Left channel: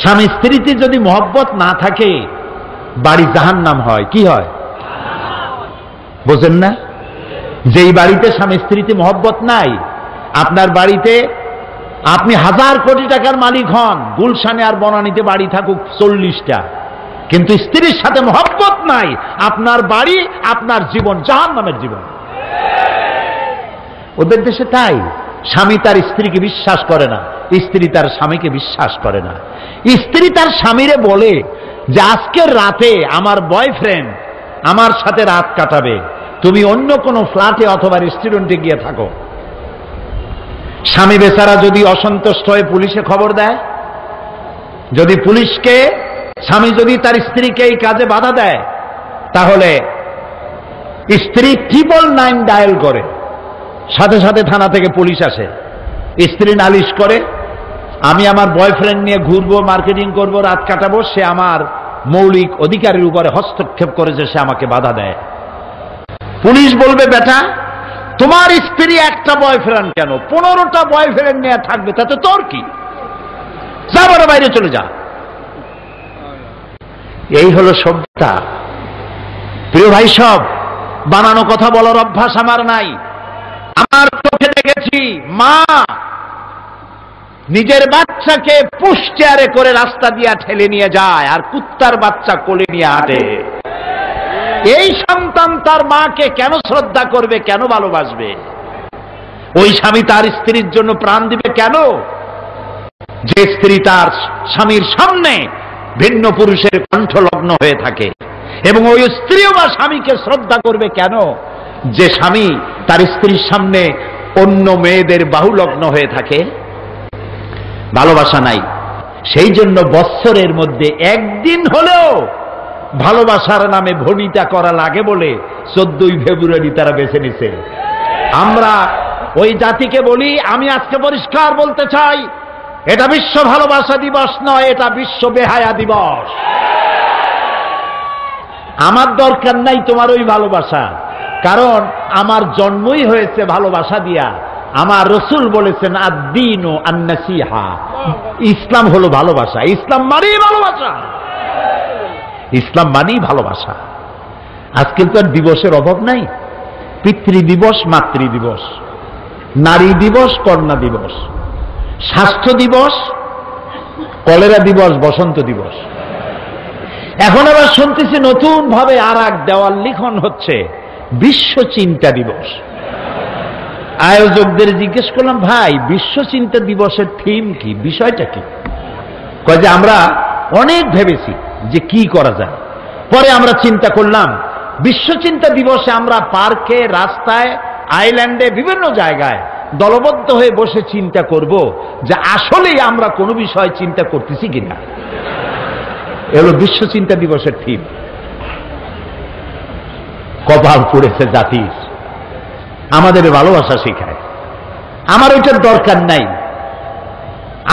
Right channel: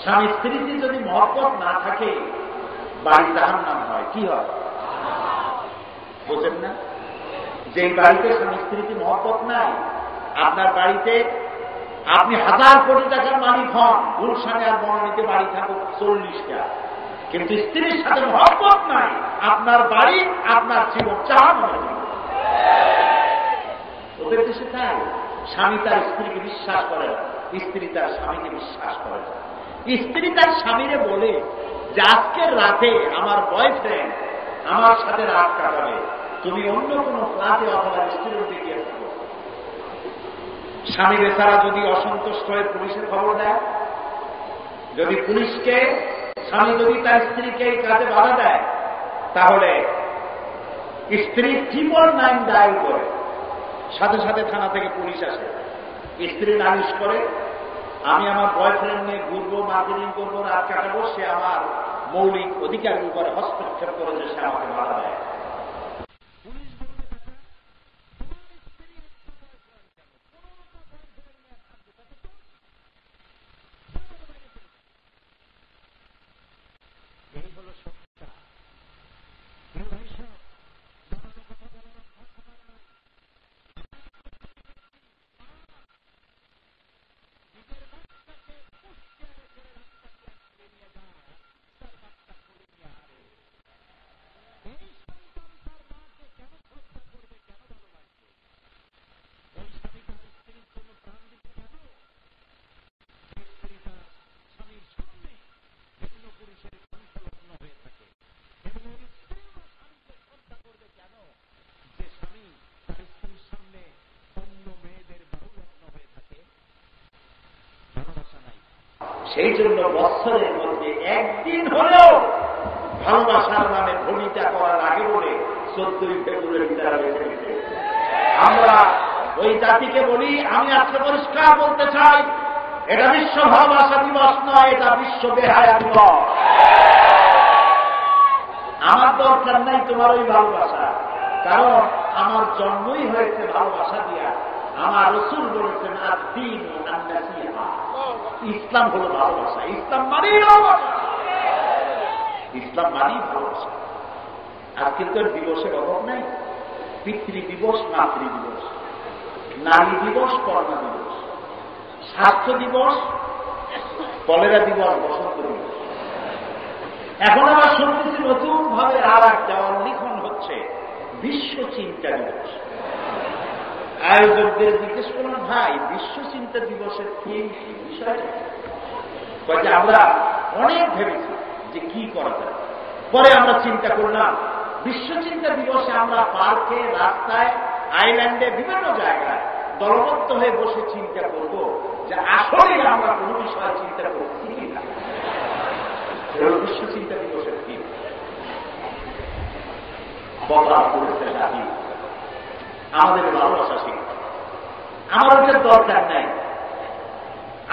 স্বামী স্ত্রীতে যদি মহব্বত না থাকে বাড়ি জাহান্নাম হয়। কি হয় বোঝেন না? যেই বাড়িতে স্বামী স্ত্রীতে মহব্বত নাই, আপনার বাড়িতে আপনি 1000 কোটি টাকার মালিক হন, গুলশানে আর বনানীতে বাড়ি থাকুক 40টা, কিন্তু স্ত্রীর সাথে মহব্বত নাই, আপনার বাড়ি, আপনার জীবন জাহান্নামের জীবন। ওদের দেশে তাই, স্বামী তার স্ত্রীকে বিশ্বাস করে না, স্ত্রী তার স্বামীকে বিশ্বাস করে না। স্ত্রী তার স্বামীরে বলে যে আজকের রাতে আমার বয়ফ্রেন্ড আমার সাথে রাত কাটাবে, তুমি অন্য কোনো ফ্ল্যাটে অথবা রেস্টুরেন্টে গিয়ে থাকো। স্বামী বেচারা যদি অসন্তুষ্ট হয়ে পুলিশে খবর দেয়, যদি পুলিশকে, স্বামী যদি তার স্ত্রীকে এই কাজে বাধা দেয়, তাহলে স্ত্রী 999 ডায়াল করে, সাথে সাথে থানা থেকে পুলিশ আসে। স্ত্রী নালিশ করে, আমি আমার বয়ফ্রেন্ড নিয়ে ঘুরবো, মার্কেটিং করব, রাত কাটাবো, সে আমার মৌলিক অধিকারের উপরে হস্তক্ষেপ করেছে, সে আমাকে বাধা দেয়। পুলিশ বলবে, বেটা তোমার স্ত্রী একটা বয়ফ্রেন্ড কেন, 15টা বয়ফ্রেন্ড নিয়ে থাকবে, তাতে তোর কি, যা বড় বাইরে চলে যা। এই হলো সভ্যতা। প্রিয় ভাই, সব বানানো কথা বলার অভ্যাস আমার নাই। আমার চোখে দেখেছি মা নিজের বাচ্চাকে পুশ চেয়ারে করে রাস্তা দিয়ে ঠেলে নিয়ে যায়, আর কুত্তার বাচ্চা কোলে নিয়ে হাঁটে। এই সন্তান তার মাকে কেন শ্রদ্ধা করবে, কেন ভালোবাসবে? ওই স্বামী তার স্ত্রীর জন্য প্রাণ দিবে কেন? যে স্ত্রী তার স্বামীর সামনে ভিন্ন পুরুষের কণ্ঠলগ্ন হয়ে থাকে। এবং ওই স্ত্রীও বা স্বামীকে শ্রদ্ধা করবে কেন? যে স্বামী তার স্ত্রীর সামনে অন্য মেয়েদের বাহুলগ্ন হয়ে থাকে। ভালোবাসা নাই। সেই জন্য বৎসরের মধ্যে একদিন হলেও ভালোবাসার নামে ভনিতা করা লাগে বলে 14ই ফেব্রুয়ারি তারা বেছে নিছে। আমরা ওই জাতিকে বলি, আমি আজকে পরিষ্কার বলতে চাই, এটা বিশ্ব ভালোবাসা দিবস নয়, এটা বিশ্ব বেহায়া দিবস। আমার দরকার নাই তোমার ওই ভালোবাসা, কারণ আমার জন্মই হয়েছে ভালোবাসা দিয়া। আমার রসুল বলেছেন আদ-দীনু আন-নাসিহা, ইসলাম হলো ভালোবাসা। ইসলাম মানেই ভালোবাসা, ইসলাম মানেই ভালোবাসা। আজকাল তো আর দিবসের অভাব নাই। পিতৃ দিবস, মাতৃ দিবস, নারী দিবস, কন্যা দিবস, স্বাস্থ্য দিবস, কলেরা দিবস, বসন্ত দিবস। এখন আবার শুনতেছি নতুন ভাবে আর এক দেওয়াল লিখন হচ্ছে, বিশ্ব চিন্তা দিবস। আয়োজকদের জিজ্ঞেস করলাম, ভাই বিশ্ব চিন্তা দিবসের থিম কি, বিষয়টা কি? কয় যে আমরা অনেক ভেবেছি যে কি করা যায়, পরে আমরা চিন্তা করলাম বিশ্ব চিন্তা দিবসে আমরা পার্কে, রাস্তায়, আইল্যান্ডে, বিভিন্ন জায়গায় দলবদ্ধ হয়ে বসে চিন্তা করব যে আসলেই আমরা কোনো বিষয় চিন্তা করতেছি কিনা। এগুলো বিশ্ব চিন্তা দিবসের থিম। কপাল পড়েছে জাতির, আমাদের ভালোবাসা শেখায়। আমার ওইটার দরকার নাই।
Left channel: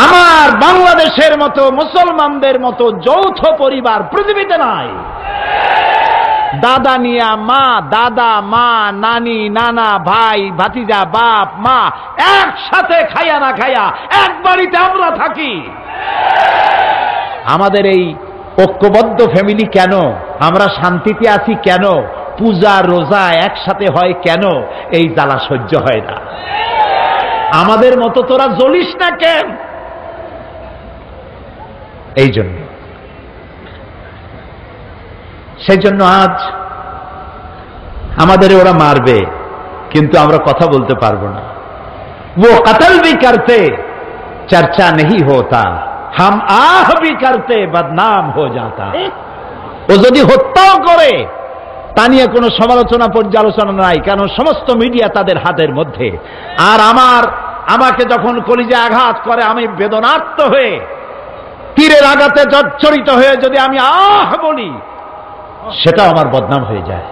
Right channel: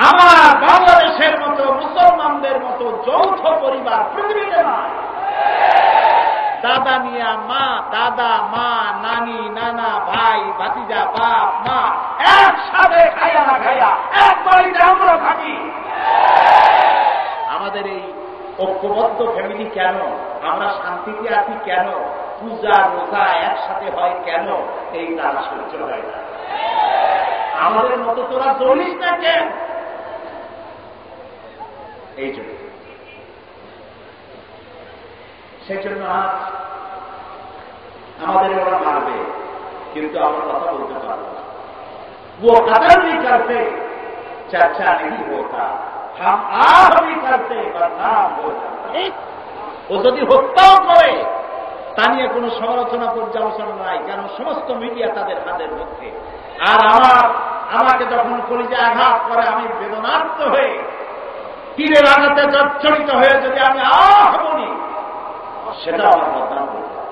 আমার বাংলাদেশের মতো, মুসলমানদের মতো যৌথ পরিবার পৃথিবীতে নাই। দাদা মিয়া, মা, দাদা, মা, নানি, নানা, ভাই, ভাতিজা, বাপ, মা একসাথে খাইয়া না খাইয়া এক বাড়িতে আমরা থাকি। আমাদের এই ঐক্যবদ্ধ ফ্যামিলি কেন? আমরা শান্তিতে আছি কেন? পূজা রোজা একসাথে হয় কেন? এই জ্বালা সহ্য হয় না। আমাদের মতো তোরা জ্বলিস না কেন? এই জন্য, সেই জন্য আজ আমাদের ওরা মারবে, কিন্তু আমরা কথা বলতে পারবো না। वो कत्ल भी करते चर्चा नहीं होता, हम आह भी करते बदनाम हो जाता। ও যদি হত্যাও করে তা নিয়ে কোনো সমালোচনা পর্যালোচনা নাই, কারণ সমস্ত মিডিয়া তাদের হাতের মধ্যে। আর আমাকে যখন কলিজা আঘাত করে, আমি বেদনার্ত হয়ে তীরের আঘাতে জর্জরিত হয়ে যদি আমি আহ বলি, সেটা আমার বদনাম হয়ে যায়।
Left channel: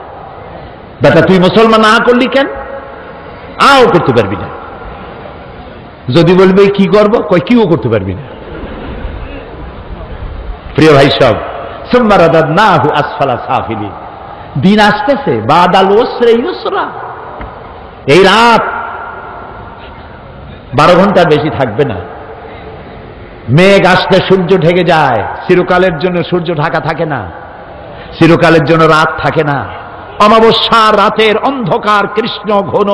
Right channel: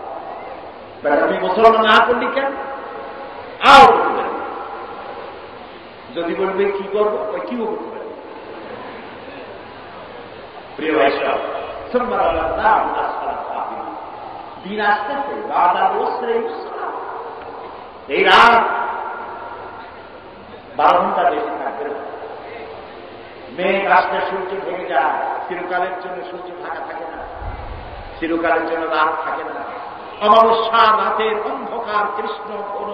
বেটা তুই মুসলমান না করলি কেন? আও করতে পারবি না। যদি বলবে কি করবো, কই কিও করতে পারবি না। প্রিয় ভাই সব, সুম্মা রাদাদনাহু আসফালা সাফিলিন। দিন আসতেছে, বাদাল উসরি ইউসরা। এই রাত 12 ঘন্টা বেশি থাকবে না। মেঘ আসলে সূর্য ঢেকে যায়, চিরকালের জন্য সূর্য ঢাকা থাকে না, চিরকালের জন্য রাত থাকে না। অমাবস্যার রাতের অন্ধকার কৃষ্ণ ঘন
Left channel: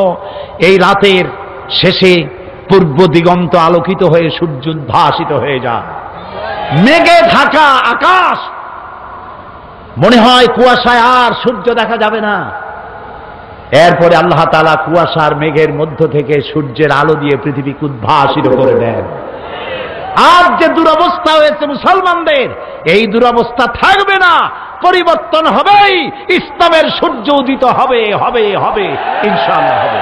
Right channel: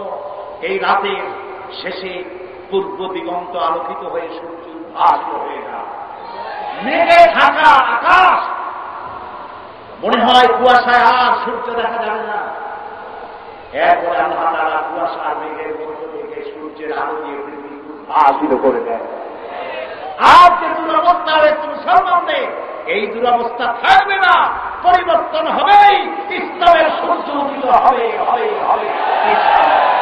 এই রাতের শেষে পূর্ব দিগন্ত আলোকিত হয়ে সূর্য উদ্ভাসিত হয়ে যায়। মেঘে ঢাকা আকাশ, মনে হয় কুয়াশায় আর সূর্য দেখা যাবে না। এরপরে আল্লাহ তাআলা কুয়াশার মেঘের মধ্য থেকে সূর্যের আলো দিয়ে পৃথিবীকে উদ্ভাসিত করে দেন। আর যে দুরবস্থা হয়েছে মুসলমানদের, এই দুরবস্থা থাকবে না, পরিবর্তন হবেই। ইসলামের সূর্য উদিত হবে হবে হবে, ইনশাআল্লাহ হবে।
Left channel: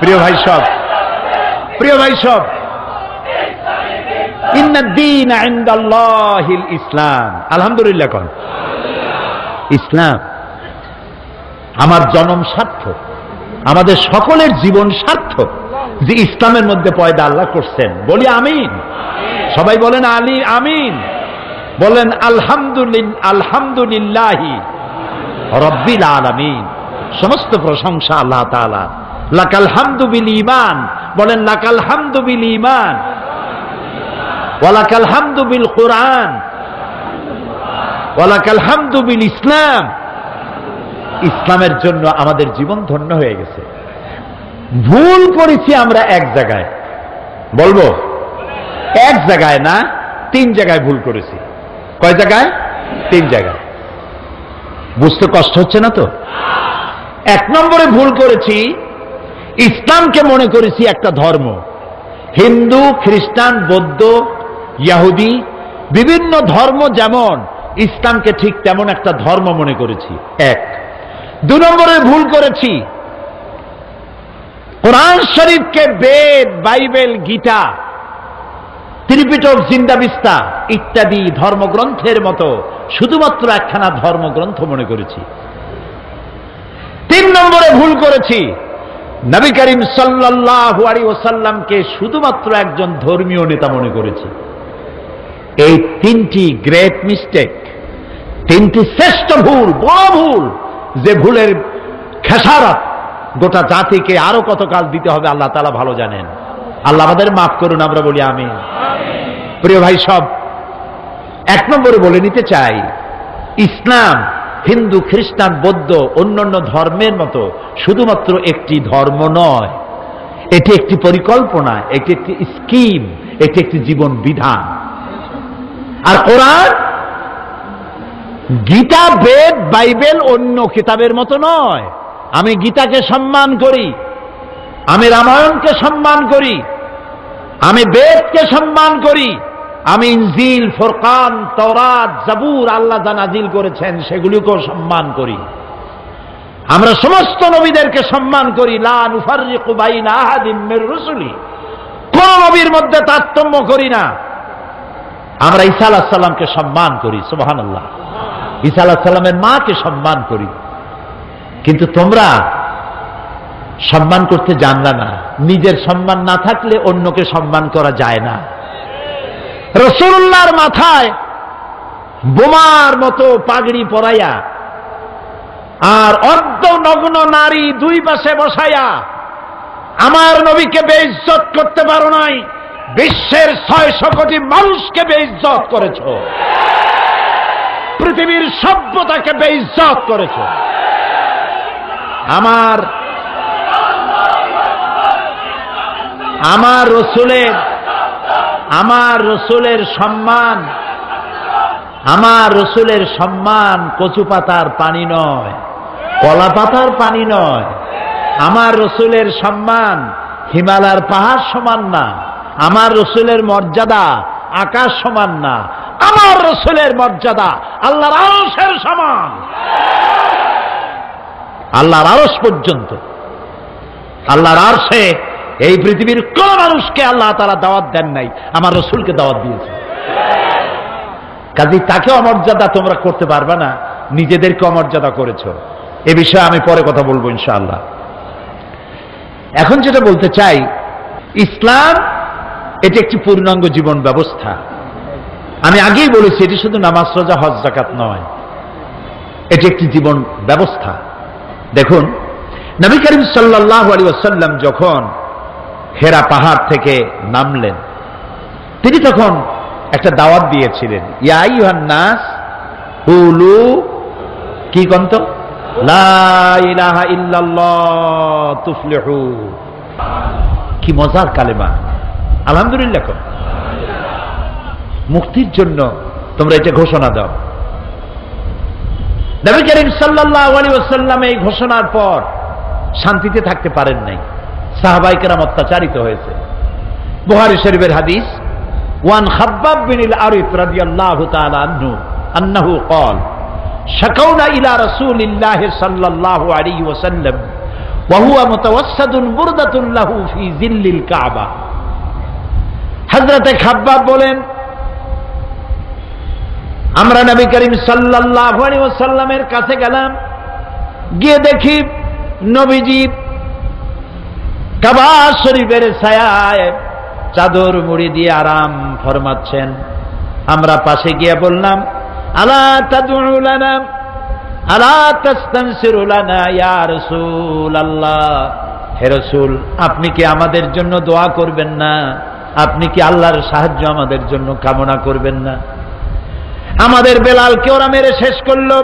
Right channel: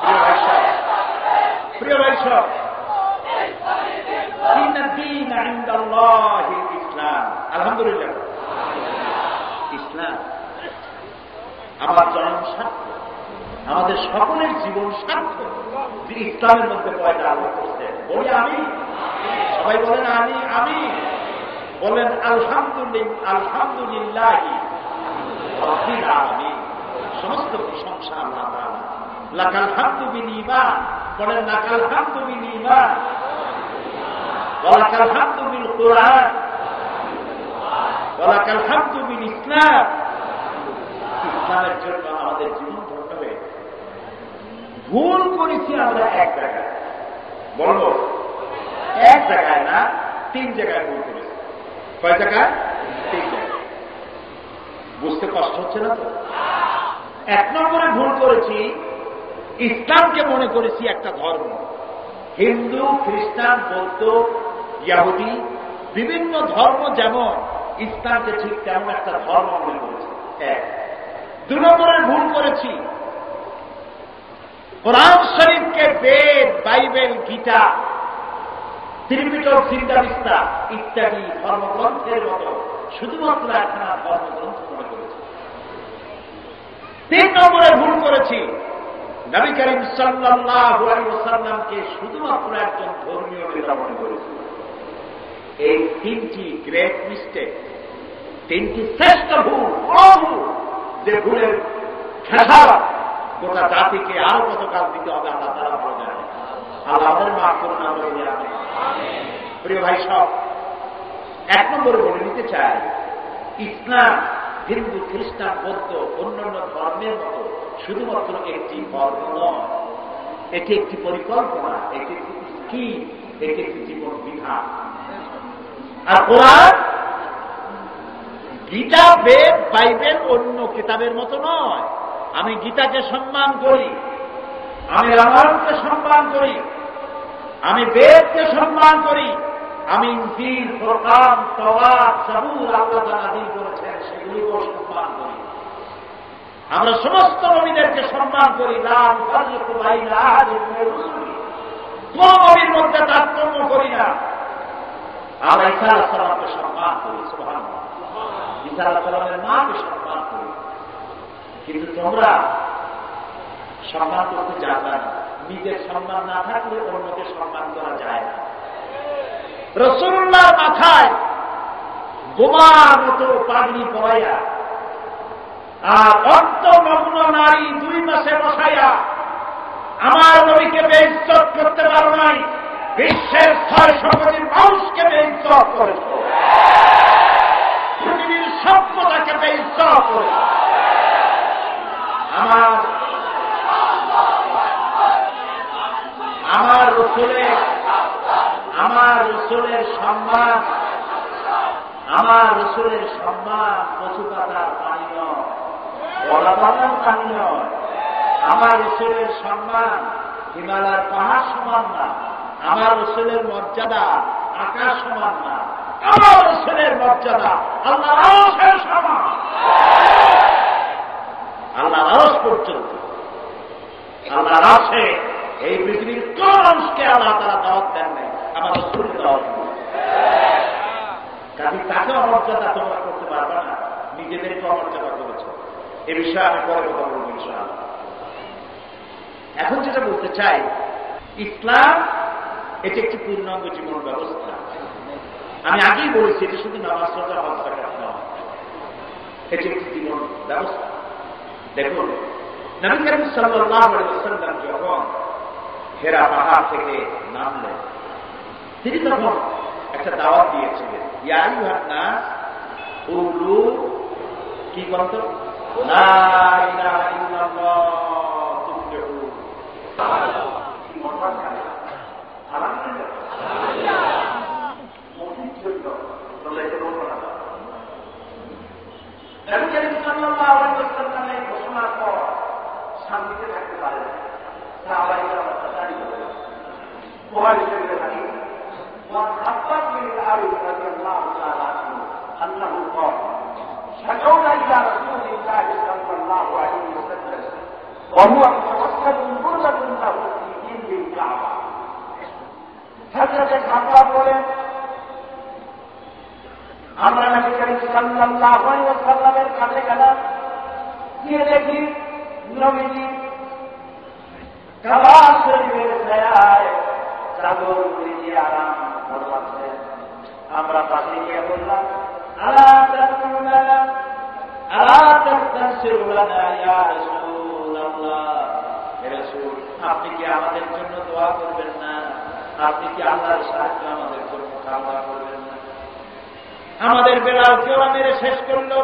প্রিয় ভাই সব, প্রিয় ভাই সব, ইন্নাদ-দীন ইনদাল্লাহিল ইসলাম। আলহামদুলিল্লাহ কোন ইসলাম। আমার জন্ম সার্থক, আমাদের সকলের জীবন সার্থক যে ইসলামের মধ্যে পয়দা আল্লাহ করছেন। বলি আমিন। সবাই বলেন আলী আমিন, বলেন আলহামদুলিল্লাহি রাব্বিল আলামিন। সমস্ত প্রশংসা আল্লাহ তাআলা। লাকাল হামদু বিল ঈমান, বলেন লাকাল হামদু বিল ঈমান ওয়া লাকাল হামদু বিল কুরআন ওয়া লাকাল হামদু বিল ইসলাম। ইসলামের জন্য আমাদের জীবন ধন্য হয়ে গেছে। ভুল করেছি আমরা এক জায়গায়, বলবো এক জায়গায় না, 3 জায়গায় ভুল করেছি। কয় জায়গায়? 3 জায়গায়। বুঝতে কষ্ট হচ্ছে না তো? 1 নম্বরে ভুল করেছি, ইসলামকে মনে করেছি একটা ধর্ম। হিন্দু, খ্রিস্টান, বৌদ্ধ, ইহুদি বিভিন্ন ধর্ম যেমন, ইসলামকে ঠিক তেমন একটা ধর্ম মনে করেছি। 1। 2 নম্বরে ভুল করেছি, কোরআন শরীফকে বেদ, বাইবেল, গীতা, ত্রিপিটক, জিন্দাবিস্তা ইত্যাদি ধর্মগ্রন্থের মতো শুধুমাত্র একখানা ধর্মগ্রন্থ মনে করেছি। 3 নম্বরে ভুল করেছি, নবী করিম সাল্লাল্লাহু আলাইহি ওয়াসাল্লামকে শুধুমাত্র একজন ধর্মীয় নেতা মনে করেছি। এই 3টি গ্রেট মিস্টেক, 3টি শ্রেষ্ঠ ভুল, বড় ভুল, যে ভুলের খেসারত গোটা জাতিকে আরো কতকাল দিতে হবে আল্লাহ তাআলা ভালো জানেন। আল্লাহ আমাদের মাফ করুন, আমরা বলি আমিন। প্রিয় ভাই সব, 1 নম্বরে বলে নিতে চাই, ইসলাম হিন্দু, খ্রিস্টান, বৌদ্ধ অন্যান্য ধর্মের মতো শুধুমাত্র একটি ধর্ম নয়, এটি একটি পরিকল্পনা, এটি একটি স্কিম, এটি একটি জীবন বিধান। আর কোরআন, গীতা, বেদ, বাইবেল অন্য কিতাবের মতো নয়। আমি গীতাকে সম্মান করি, আমি রামায়ণকে সম্মান করি, আমি বেদকে সম্মান করি, আমি ইনজিল, ফুরকান, তাওরাত, জাবুর আল্লাহ যা নাজিল করেছেন সেগুলিকেও সম্মান করি। আমরা সমস্ত নবীদেরকে সম্মান করি। লা নুফাররিকু বাইনা আহাদিম মির রুসুলি, কোন নবীর মধ্যে তারতম্য করি না। আমরা ঈসা আলাইহিস সালামকে সম্মান করি, সুবহানাল্লাহ। ঈসা আলাইহিস সালামের মাকে সম্মান করি। কিন্তু তোমরা সম্মান করতে জানলা না। নিজের সম্মান না থাকলে অন্যকে সম্মান করা যায় না। রাসূলুল্লাহর মাথায় বোমার মতো পাগড়ি পরাইয়া আর অর্ধনগ্ন নারী 2 পাশে বসাইয়া আমার নবীকে বেইজ্জত করতে পারো নাই, বিশ্বের 600 কোটি মানুষকে বেইজ্জত করেছ, পৃথিবীর সভ্যতাকে বেইজ্জত করেছ। আমার রসুলের সম্মান কচু পাতার পানি নয়, কলা পাতার পানি নয়। আমার রসুলের সম্মান হিমালয়ের পাহাড় সমান না। আমার রসুলের মর্যাদা আকাশ সমান না। আমার রসুলের মর্যাদা আল্লাহর আরশের সমান। আল্লাহর আরশ পর্যন্ত, আল্লাহর আরশে এই পৃথিবীর কোন মানুষকে আল্লাহ তাআলা দাওয়াত দেন নাই, আমার রসুলকে দাওয়াত দিয়েছে। কাজেই তাকে অমর্যাদা তোমরা করতে পারবে না, নিজেদেরকে অমর্যাদা করেছ। এ বিষয়ে আমি পরে কথা বলবো ইনশাআল্লাহ। এখন যেটা বলতে চাই, ইসলাম এটি একটি পূর্ণাঙ্গ জীবন ব্যবস্থা। আমি আগেই বলেছি, এটি শুধু নামাজ, রোজা, হজ, যাকাত নয়। এটি একটি জীবন ব্যবস্থা। দেখুন, নবী করিম সাল্লাল্লাহু আলাইহি ওয়াসাল্লাম যখন হেরা পাহাড় থেকে নামলেন, তিনি তখন একটা দাওয়াত দিয়েছিলেন, ইয়া আইয়ুহান নাস কুলু কি কন্ত লা ইলাহা ইল্লাল্লাহ তুফলিহু। কি মজার কালেমা, আলহামদুলিল্লাহ। মুক্তির জন্য তোমরা এটা ঘোষণা দাও। নবী করিম সাল্লাল্লাহু আলাইহি ওয়াসাল্লাম এই ঘোষণার পর শান্তিতে থাকতে পারেন নাই, সাহাবায়ে কেরাম অত্যাচারিত হয়েছে। বুখারী শরীফের হাদিস, ওয়ান খাব্বাব বিন আল-আরিত রাদিয়াল্লাহু তাআলা আনহু আন্নাহু قال شكونا إلى رسول الله صلى الله عليه وسلم وهو متوسد بردة له في ظل الكعبة। হযরত খাব্বাব বলেন, আমরা নবী করিম সাল্লাল্লাহু আলাইহি ওয়াসাল্লামের কাছে গেলাম, গিয়ে দেখি নবীজি কাবা শরীফের ছায়ায় চাদর মুড়ি দিয়ে আরাম ফরমাচ্ছেন। আমরা পাশে গিয়ে বললাম, আলা তাদউ লানা আলা তাস্তানসিরু লানা ইয়া রাসূলুল্লাহ, হে রাসূল, আপনি কি আমাদের জন্য দোয়া করবেন না? আপনি কি আল্লাহর সাহায্য আমাদের জন্য কামনা করবেন না? আমাদের বেলালকে ওরা মেরে শেষ করলো,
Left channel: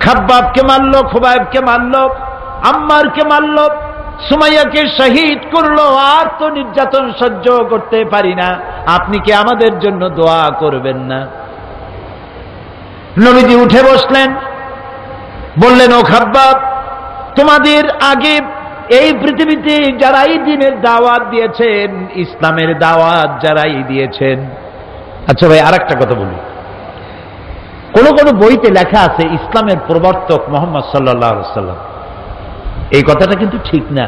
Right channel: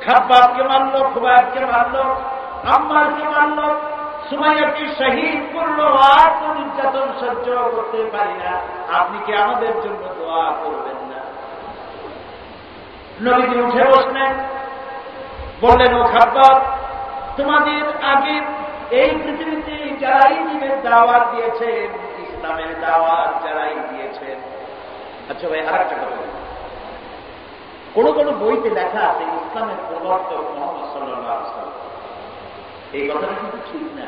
খাব্বাবকে মারলো, খুবাইবকে মারলো, আম্মারকে মারলো, সুমাইয়াকে শহীদ করলো। আর তো নির্যাতন সহ্য করতে পারি না, আপনি কি আমাদের জন্য দোয়া করবেন না? নবীজি উঠে বসলেন, বললেন, ও খাব্বাব, তোমাদের আগে এই পৃথিবীতে যারাই দ্বীনের দাওয়াত দিয়েছেন, ইসলামের দাওয়াত যারাই দিয়েছেন। আচ্ছা ভাই, আর একটা কথা বলি, কোন কোন বইতে লেখা আছে ইসলামের প্রবর্তক মুহাম্মদ সাল্লাল্লাহু আলাইহি ওয়াসাল্লাম। এই কথাটা কিন্তু ঠিক না।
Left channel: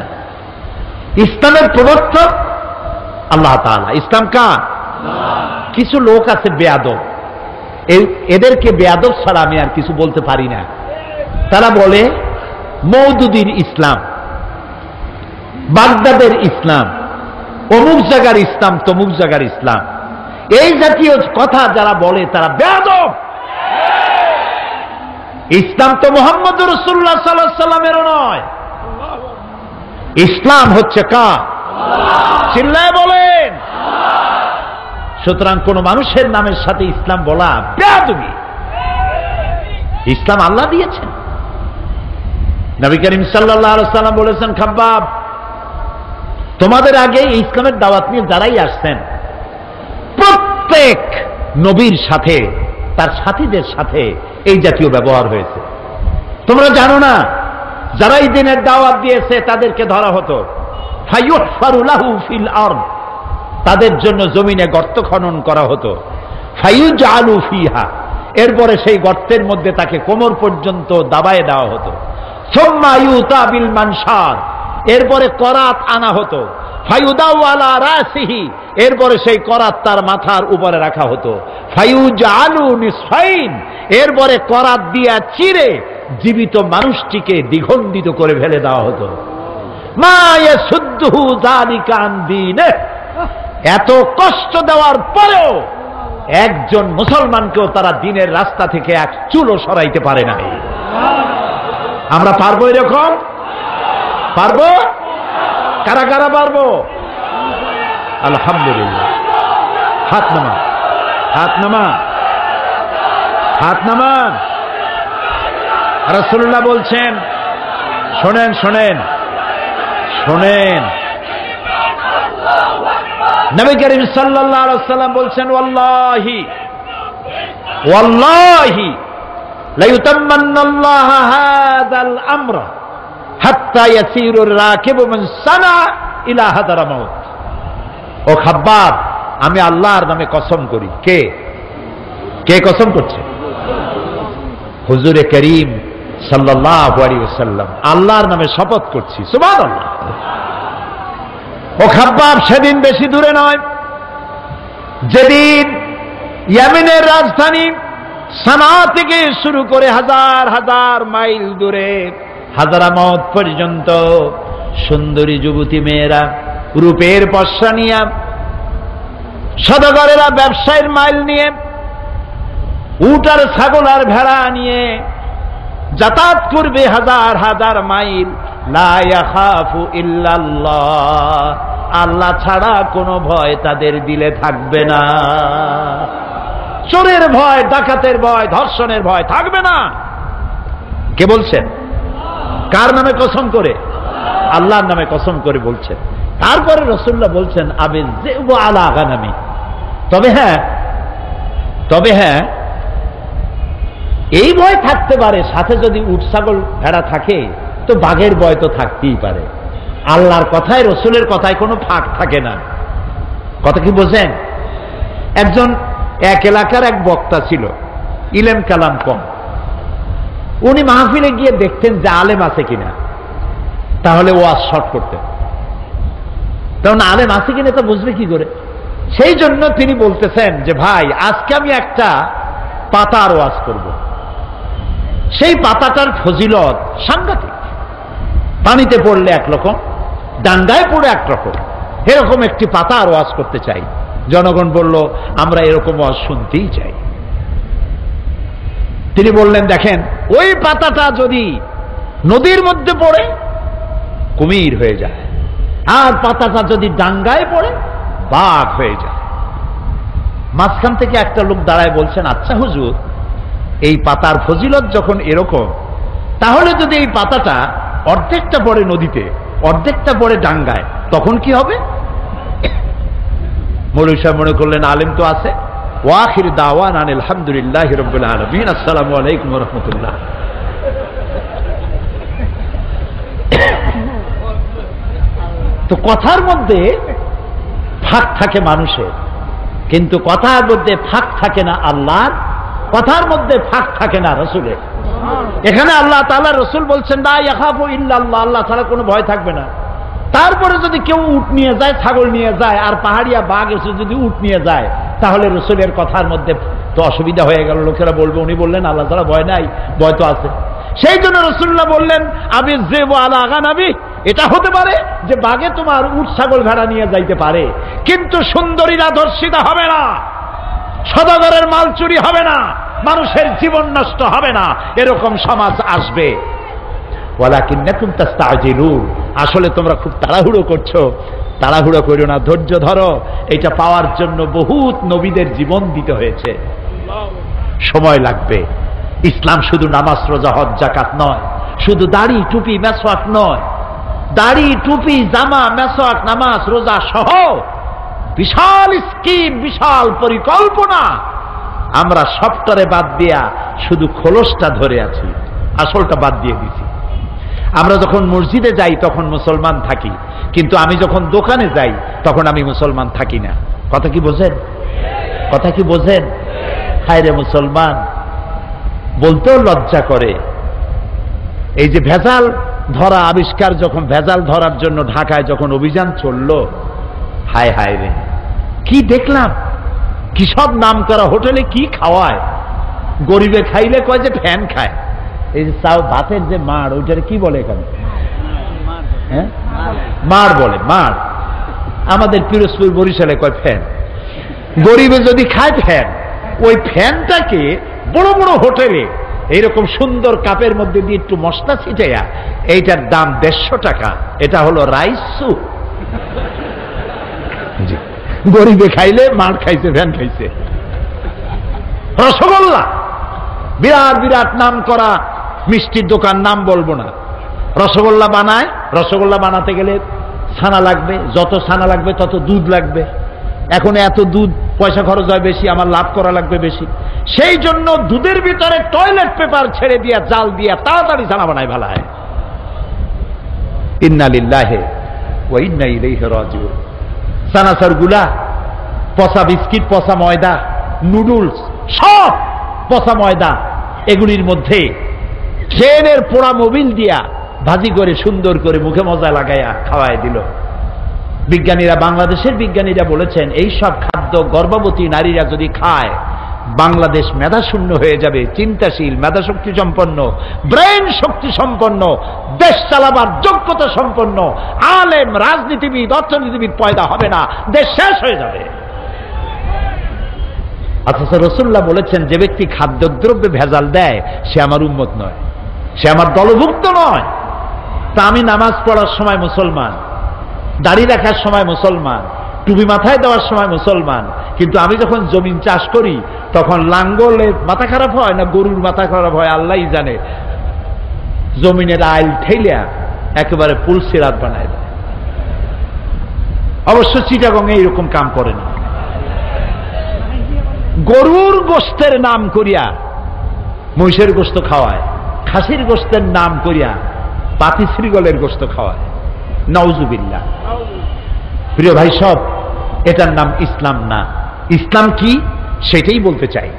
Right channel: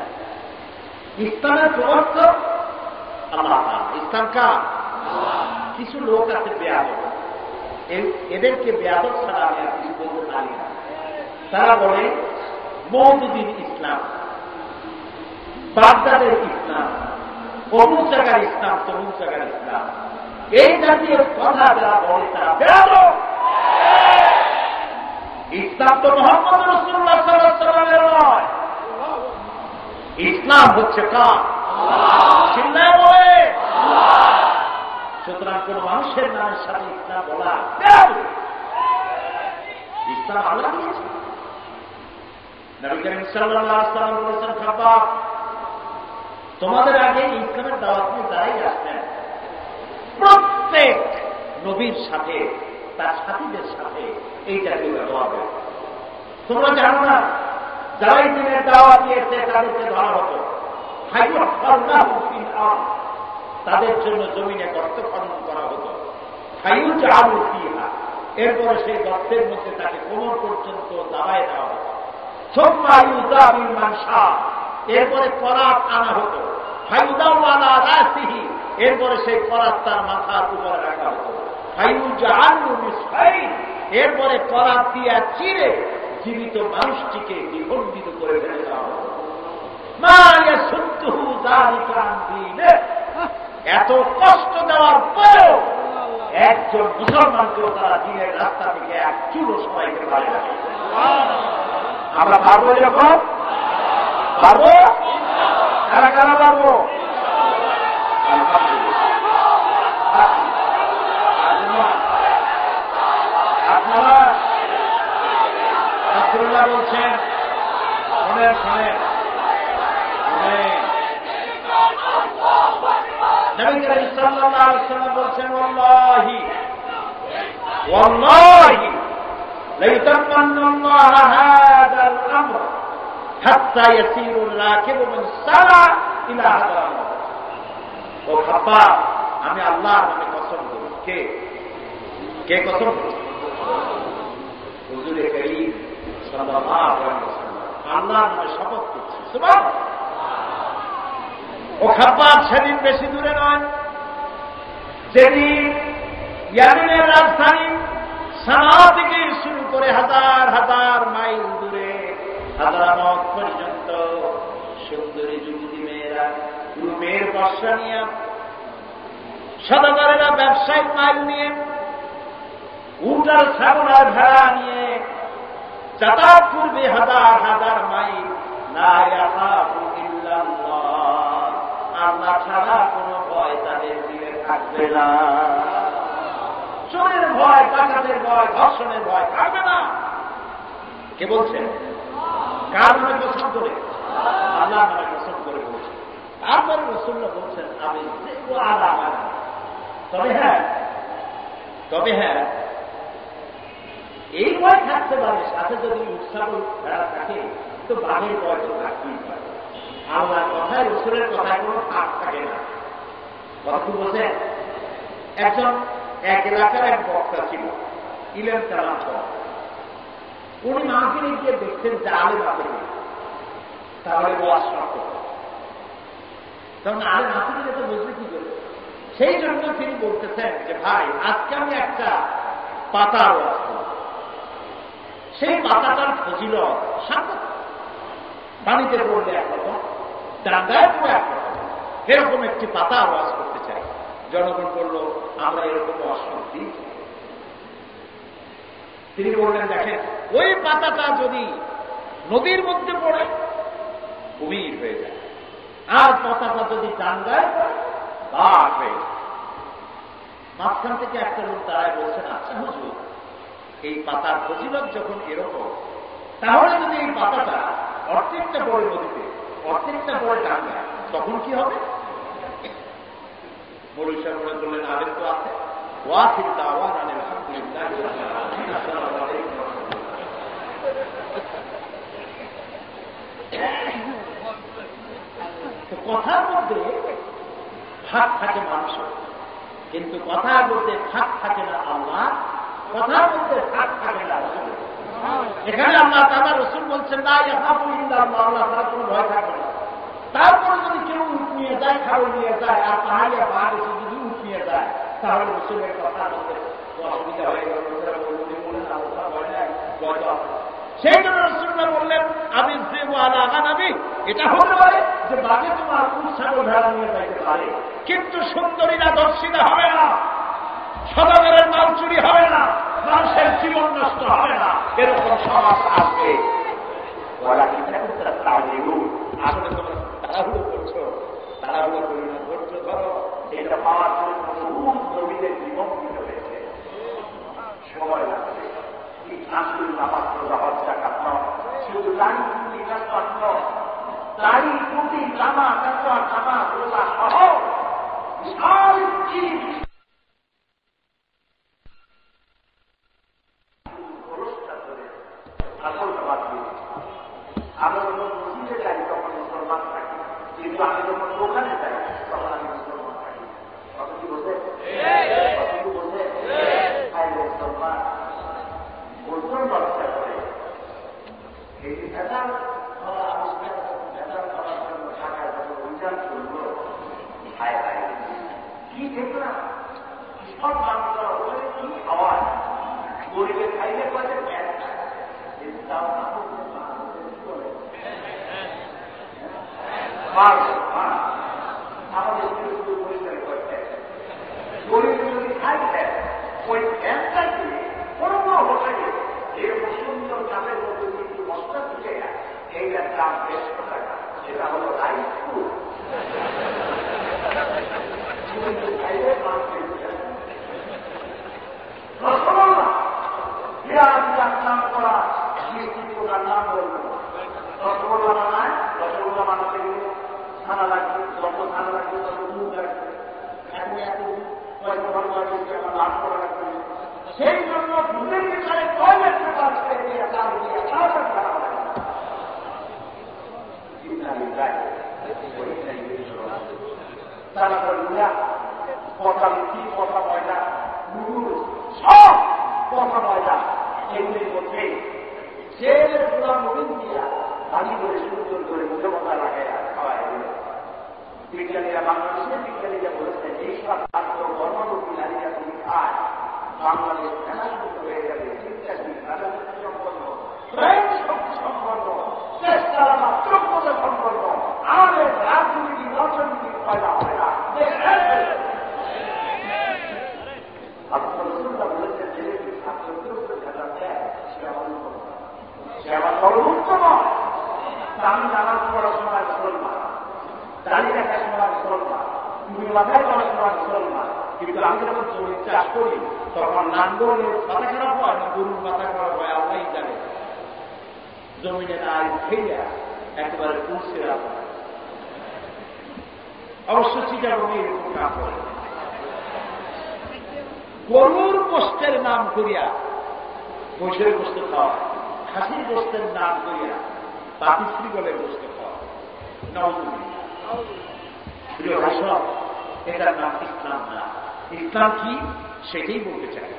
ইসলামের প্রবর্তক আল্লাহ তাআলা। ইসলাম কার? কিছু লোক আছে বেয়াদব, এদেরকে বেয়াদব ছাড়া আমি আর কিছু বলতে পারি না। তারা বলে মওদুদির ইসলাম, বাগদাদের ইসলাম, অমুক জায়গার ইসলাম, তমুক জায়গার ইসলাম। এই জাতীয় কথা যারা বলে তারা বেয়াদব। ইসলাম তো মুহাম্মদ রাসূলুল্লাহ সাল্লাল্লাহু আলাইহি ওয়াসাল্লামেরও নয়। ইসলাম হচ্ছে কার? চিল্লায় বলেন। সুতরাং কোন মানুষের নামের সাথে ইসলাম বলা বেয়াদবি। ইসলাম আল্লাহ দিয়েছেন। নবী করিম সাল্লাল্লাহু আলাইহি ওয়াসাল্লাম বলেছেন, খাব্বাব, তোমাদের আগে এই ইসলামের দাওয়াত নিয়ে যারাই আসছেন, প্রত্যেক নবীর সাথে তার সাথীদের সাথে এই জাতীয় ব্যবহার হয়েছে। তোমরা জানো না, যারা এই দিনের দাওয়াত দিয়েছে তাদেরকে ধরা হতো, ফায়ুহফারু লাহু ফিল আরদ, তাদের জন্য জমিনে গর্ত খনন করা হতো, ফায়ুজআলু ফিহা, এরপরে সেই গর্তের মধ্যে তাকে কোমর পর্যন্ত দাবায় দেওয়া হতো, সুম্মা ইউতা বিল মানশার, এরপরে করাত আনা হতো, ফায়ুদাউ আলা রাসিহি, এরপরে সেই করাত তার মাথার উপরে রাখা হতো, ফায়ুজআলু নিসফাইন, এরপরে করাত দিয়া চিরে জীবিত মানুষটিকে দ্বিখণ্ডিত করে ফেলে দেওয়া হতো। মা ইয়াসুদ্দুহু যালিকা আন দীনে, এত কষ্ট দেওয়ার পরেও একজন মুসলমানকেও তারা দ্বীনের রাস্তা থেকে এক চুলও সরাইতে পারে না। আমরা পারবো এরকম? পারবো? কারা কারা পারবো? আলহামদুলিল্লাহ। হাত নামা, হাত নামা, হাত নামা। রাসূলুল্লাহ বলছেন, শোনেন শোনেন শোনেন, নবী করিম সাল্লাল্লাহু আলাইহি ওয়াসাল্লাম বলছেন, ওয়াল্লাহি ওয়াল্লাহি লা ইউতাম্মান্নাল্লাহু হাযাল আমরা হাত্তা ইয়াসিরু আর-রাকিবু মিন সানা ইলা হাদারামাউত। ও খাব্বাব, আমি আল্লাহর নামে কসম করি। কে কে কসম করছে? হুজুরে করিম সাল্লাল্লাহু আলাইহি ওয়াসাল্লাম আল্লাহর নামে শপথ করছি। সুবহানাল্লাহ। ও খাব্বাব, সেদিন বেশি দূরে নয়, যেদিন ইয়েমেনের রাজধানী সানা থেকে শুরু করে হাজার হাজার মাইল দূরে হাজারামত পর্যন্ত সুন্দরী যুবতী মেয়েরা রূপের পসরা নিয়ে, সদাগরেরা ব্যবসায়ের মাইল নিয়ে, উট আর ছাগল আর ভেড়া নিয়ে যাতায়াত করবে হাজার হাজার মাইল, লা ইয়াখাফু ইল্লাল্লাহ, আল্লাহ ছাড়া কোনো ভয় তাদের দিলে থাকবে না। চোরের ভয়, ডাকাতের ভয়, ধর্ষণের ভয় থাকবে না। কে বলছেন? কার নামে কসম করে? আল্লাহর নামে কসম করে বলছেন। তারপরে রাসূলুল্লাহ বলছেন আবিল যিবু আলা গানামি, তবে হ্যাঁ এই ভয় থাকতে পারে, সাথে যদি উট ছাগল ভেড়া থাকে তো বাঘের ভয় তো থাকতেই পারে। আল্লাহর কথায়, রসুলের কথায় কোনো ফাঁক থাকে না। কথা কি বোঝেন? একজন এক এলাকার এক বক্তা ছিল, ইলেম কালাম কম। উনি মাহফিলে গিয়ে দেখতেন যে আলেম আছে কিনা, তাহলে ওয়াজ শর্ট করতেন। কারণ আলেম আছে কিনা তা বুঝবে কি করে? সেই জন্য তিনি বলতেছেন যে ভাই, আজকে আমি একটা পাতার ওয়াজ করব। সেই পাতাটার ফজিলত সাংঘাতিক। পানিতে পড়লে একরকম, ডান্ডায় পড়ে একরকম, এরকম একটি পাতার ওয়াজ করতে চাই। জনগণ বলল আমরা এরকম ওয়াজ শুনতেই চাই। তিনি বললেন দেখেন, ওই পাতাটা যদি নদীর মধ্যে পড়ে কুমির হয়ে যায়, আর পাতাটা যদি ডাঙ্গায় পড়ে বাঘ হয়ে যায়। মাঝখান থেকে একটা লোক দাঁড়ায় বলছেন, আচ্ছা হুজুর, এই পাতার ফজিলত যখন এরকম, তাহলে যদি এই পাতাটা অর্ধেকটা পড়ে নদীতে, অর্ধেকটা পড়ে ডাঙ্গায়, তখন কি হবে? মৌলভী সাহেব মনে করলেন আলেম তো আছে। ওয়াখির দাওয়ানা আলহামদুলিল্লাহি রাব্বিল আলামিন, আসসালামু আলাইকুম ওয়া রাহমাতুল্লাহ। তো কথার মধ্যে ফাঁক থাকে মানুষের, কিন্তু কথার মধ্যে ফাঁক থাকে না আল্লাহর, কথার মধ্যে ফাঁক থাকে না রসুলের। এখানে আল্লাহ তাআলা, রসুল বলছেন লা ইয়াখাফু ইল্লাল্লাহ, আল্লাহ ছাড়া কোনো ভয় থাকবে না। তারপরে যদি কেউ উট নিয়ে যায়, ছাগল নিয়ে যায়, আর পাহাড়িয়া বাঘ এসে যদি উট নিয়ে যায়, তাহলে রসুলের কথার মধ্যে তো অসুবিধা হয়ে গেল। লোকেরা বলবে উনি বললেন আল্লাহ ছাড়া ভয় নাই, ভয় তো আছে। সেই জন্য রাসূলুল্লাহ বললেন আবিল যিবু আলা গানামি, এটা হতে পারে যে বাঘে তোমার উট ছাগল ভেড়া নিয়ে যাইতে পারে, কিন্তু সুন্দরীরা ধর্ষিতা হবে না, সদাগরের মাল চুরি হবে না, মানুষের জীবন নষ্ট হবে না, এরকম সমাজ আসবে। ওয়ালাকিন্নাকুম তাস্তাজিলুন, আসলে তোমরা খুব তাড়াহুড়ো করছো। তাড়াহুড়ো করো না, ধৈর্য ধরো। এটা পাওয়ার জন্য বহুত নবীদের জীবন দিতে হয়েছে, সময় লাগবে। ইসলাম শুধু নামাজ, রোজা, হজ, যাকাত নয়, শুধু দাড়ি টুপি মেসওয়াক নয়, দাড়ি টুপি জামা মেসওয়াক নামাজ রোজা সহ বিশাল স্কিম, বিশাল পরিকল্পনা। আমরা সবটারে বাদ দিয়া শুধু খোলসটা ধরে আছি, আসলটা বাদ দিয়ে দিছি। আমরা যখন মসজিদে যাই তখন মুসলমান থাকি, কিন্তু আমি যখন দোকানে যাই তখন আমি মুসলমান থাকি না। কথা কি বোঝেন? কথা কি বোঝেন? হায় রে মুসলমান, বলতেও লজ্জা করে। এই যে ভেজাল ধরা আবিষ্কার, যখন ভেজাল ধরার জন্য ঢাকায় যখন অভিযান চললো, হায় হায় রে, কি দেখলাম! কি সব নাম করা হোটেলে কি খাওয়ায়! গরিবে খাইলে কয় যে ফ্যান খায়। এই যে চাও ভাতের যে মাড়, ওইটার কি বলে এখানে? হ্যাঁ, মাড় বলে, মাড়। আমাদের পিরোজপুর বরিশালে কয় ফ্যান। গরিবে যদি খায় ফ্যান, ওই ফ্যানটাকে বড় বড় হোটেলে এইরকম সুন্দর কাপের মধ্যে দিয়ে একটু মশলা ছিটাইয়া, এইটার দাম 150 টাকা। এটা হলো রাইস স্যুপ। গরিবে খাইলে মার খাইছে, ভ্যান খাইছে। রসগোল্লা, বিরাট বিরাট নাম করা মিষ্টির দোকান, নাম বলবো না, রসগোল্লা বানায়। রসগোল্লা বানাতে গেলে ছানা লাগবে, যত ছানা লাগবে তত দুধ লাগবে। এখন এত দুধ পয়সা খরচ হয় বেশি, আমার লাভ করা লাগবে বেশি। সেই জন্য দুধের ভিতরে টয়লেট পেপার ছেড়ে দিয়া, জাল দিয়া তাড়াতাড়ি ছানা বানায় ফেলায়। ইন্না লিল্লাহি ওয়া ইন্না ইলাইহি রাজিউন। সানাসার গুলা, পচা বিস্কিট, পচা ময়দা, নুডলস, সব পচা ময়দা, এগুলির মধ্যে ট্রেনের পোড়া মোবিল দিয়া ভাজি করে সুন্দর করে মুখে মজা লাগাইয়া খাওয়াই দিল। বিজ্ঞানীরা, বাংলাদেশের বিজ্ঞানীরা বলেছেন এই সব খাদ্য গর্ভবতী নারীরা যদি খায়, বাংলাদেশ মেধাশূন্য হয়ে যাবে। চিন্তাশীল, মেধাশক্তি সম্পন্ন, ব্রেন শক্তি সম্পন্ন, দেশ চালাবার যোগ্যতা সম্পন্ন আলেম, রাজনীতিবিদ, অর্থনীতিবিদ পয়দা হবে না, দেশ শেষ হয়ে যাবে। অথচ রাসূলুল্লাহ বলেছেন যে ব্যক্তি খাদ্যদ্রব্যে ভেজাল দেয় সে আমার উম্মত নয়। সে আমার দলভুক্ত নয়। তা আমি নামাজ পড়ার সময় মুসলমান, দাড়ি রাখার সময় মুসলমান, টুপি মাথায় দেওয়ার সময় মুসলমান, কিন্তু আমি যখন জমিন চাষ করি তখন লাঙ্গলের মাথা খারাপ হয় না গরুর মাথা খারাপ হয় আল্লাহই জানে, জমিনের আইল ঠেলিয়া একেবারে পুলসিরাত বানায় দেয়। অবশ্য চিটাগং এইরকম কাম করে না। গরুর গোস্তের নাম করিয়া মহিষের গোস্ত খাওয়ায়, খাসির গোস্তের নাম করিয়া পাতি শ্রীগলের গোস্ত খাওয়ায়। নাউজুবিল্লাহ। প্রিয় ভাই সব, এটার নাম ইসলাম না। ইসলাম কি সেটাই বলতে চাই।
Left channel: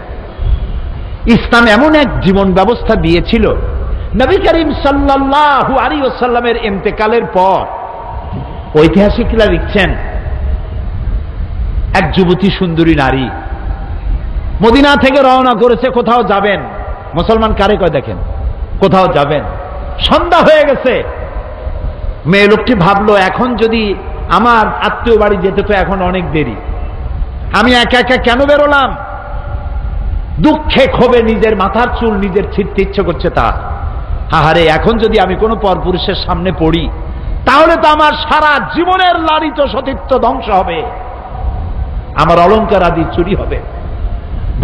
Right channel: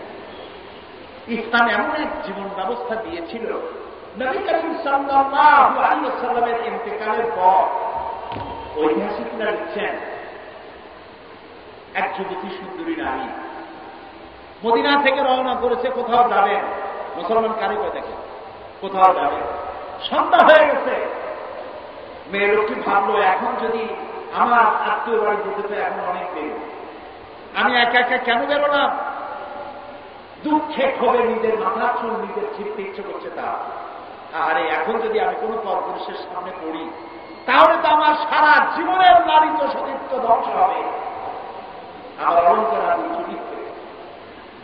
ইসলাম এমন এক জীবন ব্যবস্থা দিয়েছিল, নবী করিম সাল্লাল্লাহু আলাইহি ওয়াসাল্লামের ইন্তেকালের পর ঐতিহাসিকরা লিখছেন, এক যুবতী সুন্দরী নারী মদিনা থেকে রওনা করেছে, কোথাও যাবেন। মুসলমান কারে কয় দেখেন, কোথাও যাবেন। সন্ধ্যা হয়ে গেছে। মেয়ে লোকটি ভাবলো, এখন যদি আমার আত্মীয় বাড়ি যেতে তো এখন অনেক দেরি, আমি একা একা কেন বেরোলাম? দুঃখে ক্ষোভে নিজের মাথার চুল নিজের ছিঁড়তে ইচ্ছে করছে তার। আহারে, এখন যদি আমি কোনো পরপুরুষের সামনে পড়ি তাহলে তো আমার সারা জীবনের লালিত সতীত্ব ধ্বংস হবে, আমার অলংকার আদি চুরি হবে।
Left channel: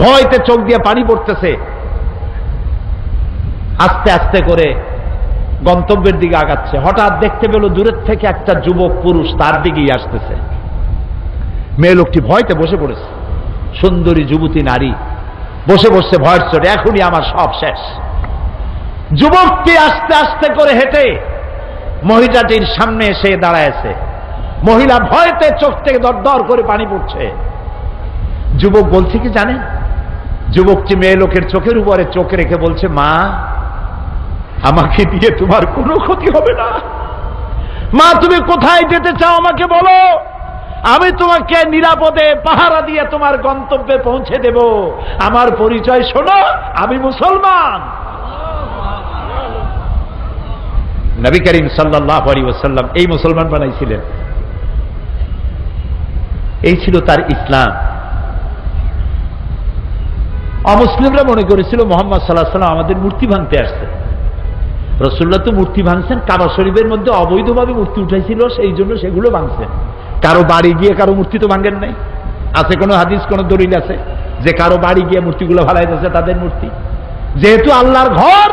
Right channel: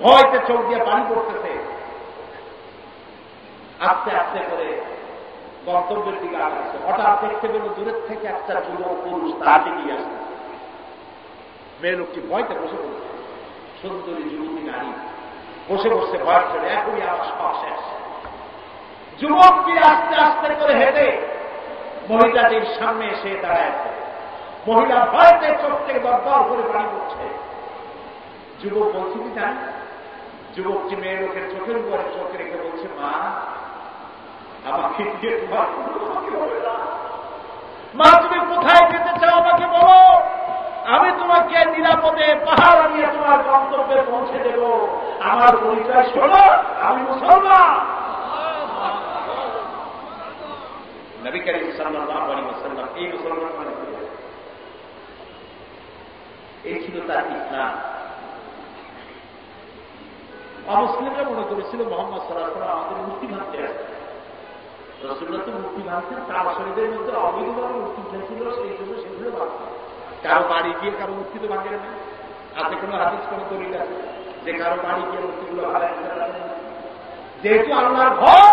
ভয়তে চোখ দিয়ে পানি পড়তেছে। আস্তে আস্তে করে গন্তব্যের দিকে আগাচ্ছে। হঠাৎ দেখতে পেল দূরের থেকে একটা যুবক পুরুষ তার দিকেই আসতেছে। মেয়ে লোকটি ভয়তে বসে পড়েছে। সুন্দরী যুবতী নারী বসে বসে ভয়ের চোটে, এখনই আমার সব শেষ। যুবকটি আস্তে আস্তে করে হেঁটে মহিলাটির সামনে এসে দাঁড়ায়ছে। মহিলা ভয়তে চোখ থেকে দর দর করে পানি পড়ছে। যুবক বলছে কি জানেন? যুবকটি মেয়ে লোকের চোখের উপরে চোখ রেখে বলছে, মা, আমাকে দিয়ে তোমার কোনো ক্ষতি হবে না। মা, তুমি কোথায় যেতে চাও আমাকে বলো, আমি তোমাকে নিরাপদে পাহারা দিয়ে তোমার গন্তব্যে পৌঁছে দেব। আমার পরিচয় শোনো, আমি মুসলমান। নবী করিম সাল্লাল্লাহু আলাইহি ওয়াসাল্লাম এই মুসলমান বানাইছিলেন। এই ছিল তার ইসলাম। অমুসলিমরা মনে করেছিল মুহাম্মদ সাল্লাল্লাহু আলাইহি ওয়াসাল্লাম আমাদের মূর্তি ভাঙতে আসছে। রাসূলুল্লাহ তো মূর্তি ভাঙছেন, কাবা শরীফের মধ্যে অবৈধভাবে মূর্তি উঠাইছিল, সেই জন্য সেগুলো ভাঙছেন। কারো বাড়ি গিয়ে কারো মূর্তি তো ভাঙেন নাই। আছে কোনো হাদিস, কোনো দলিল আছে যে কারো বাড়ি গিয়ে মূর্তিগুলো ভালাই দিয়েছে তাদের মূর্তি? যেহেতু আল্লাহর ঘর,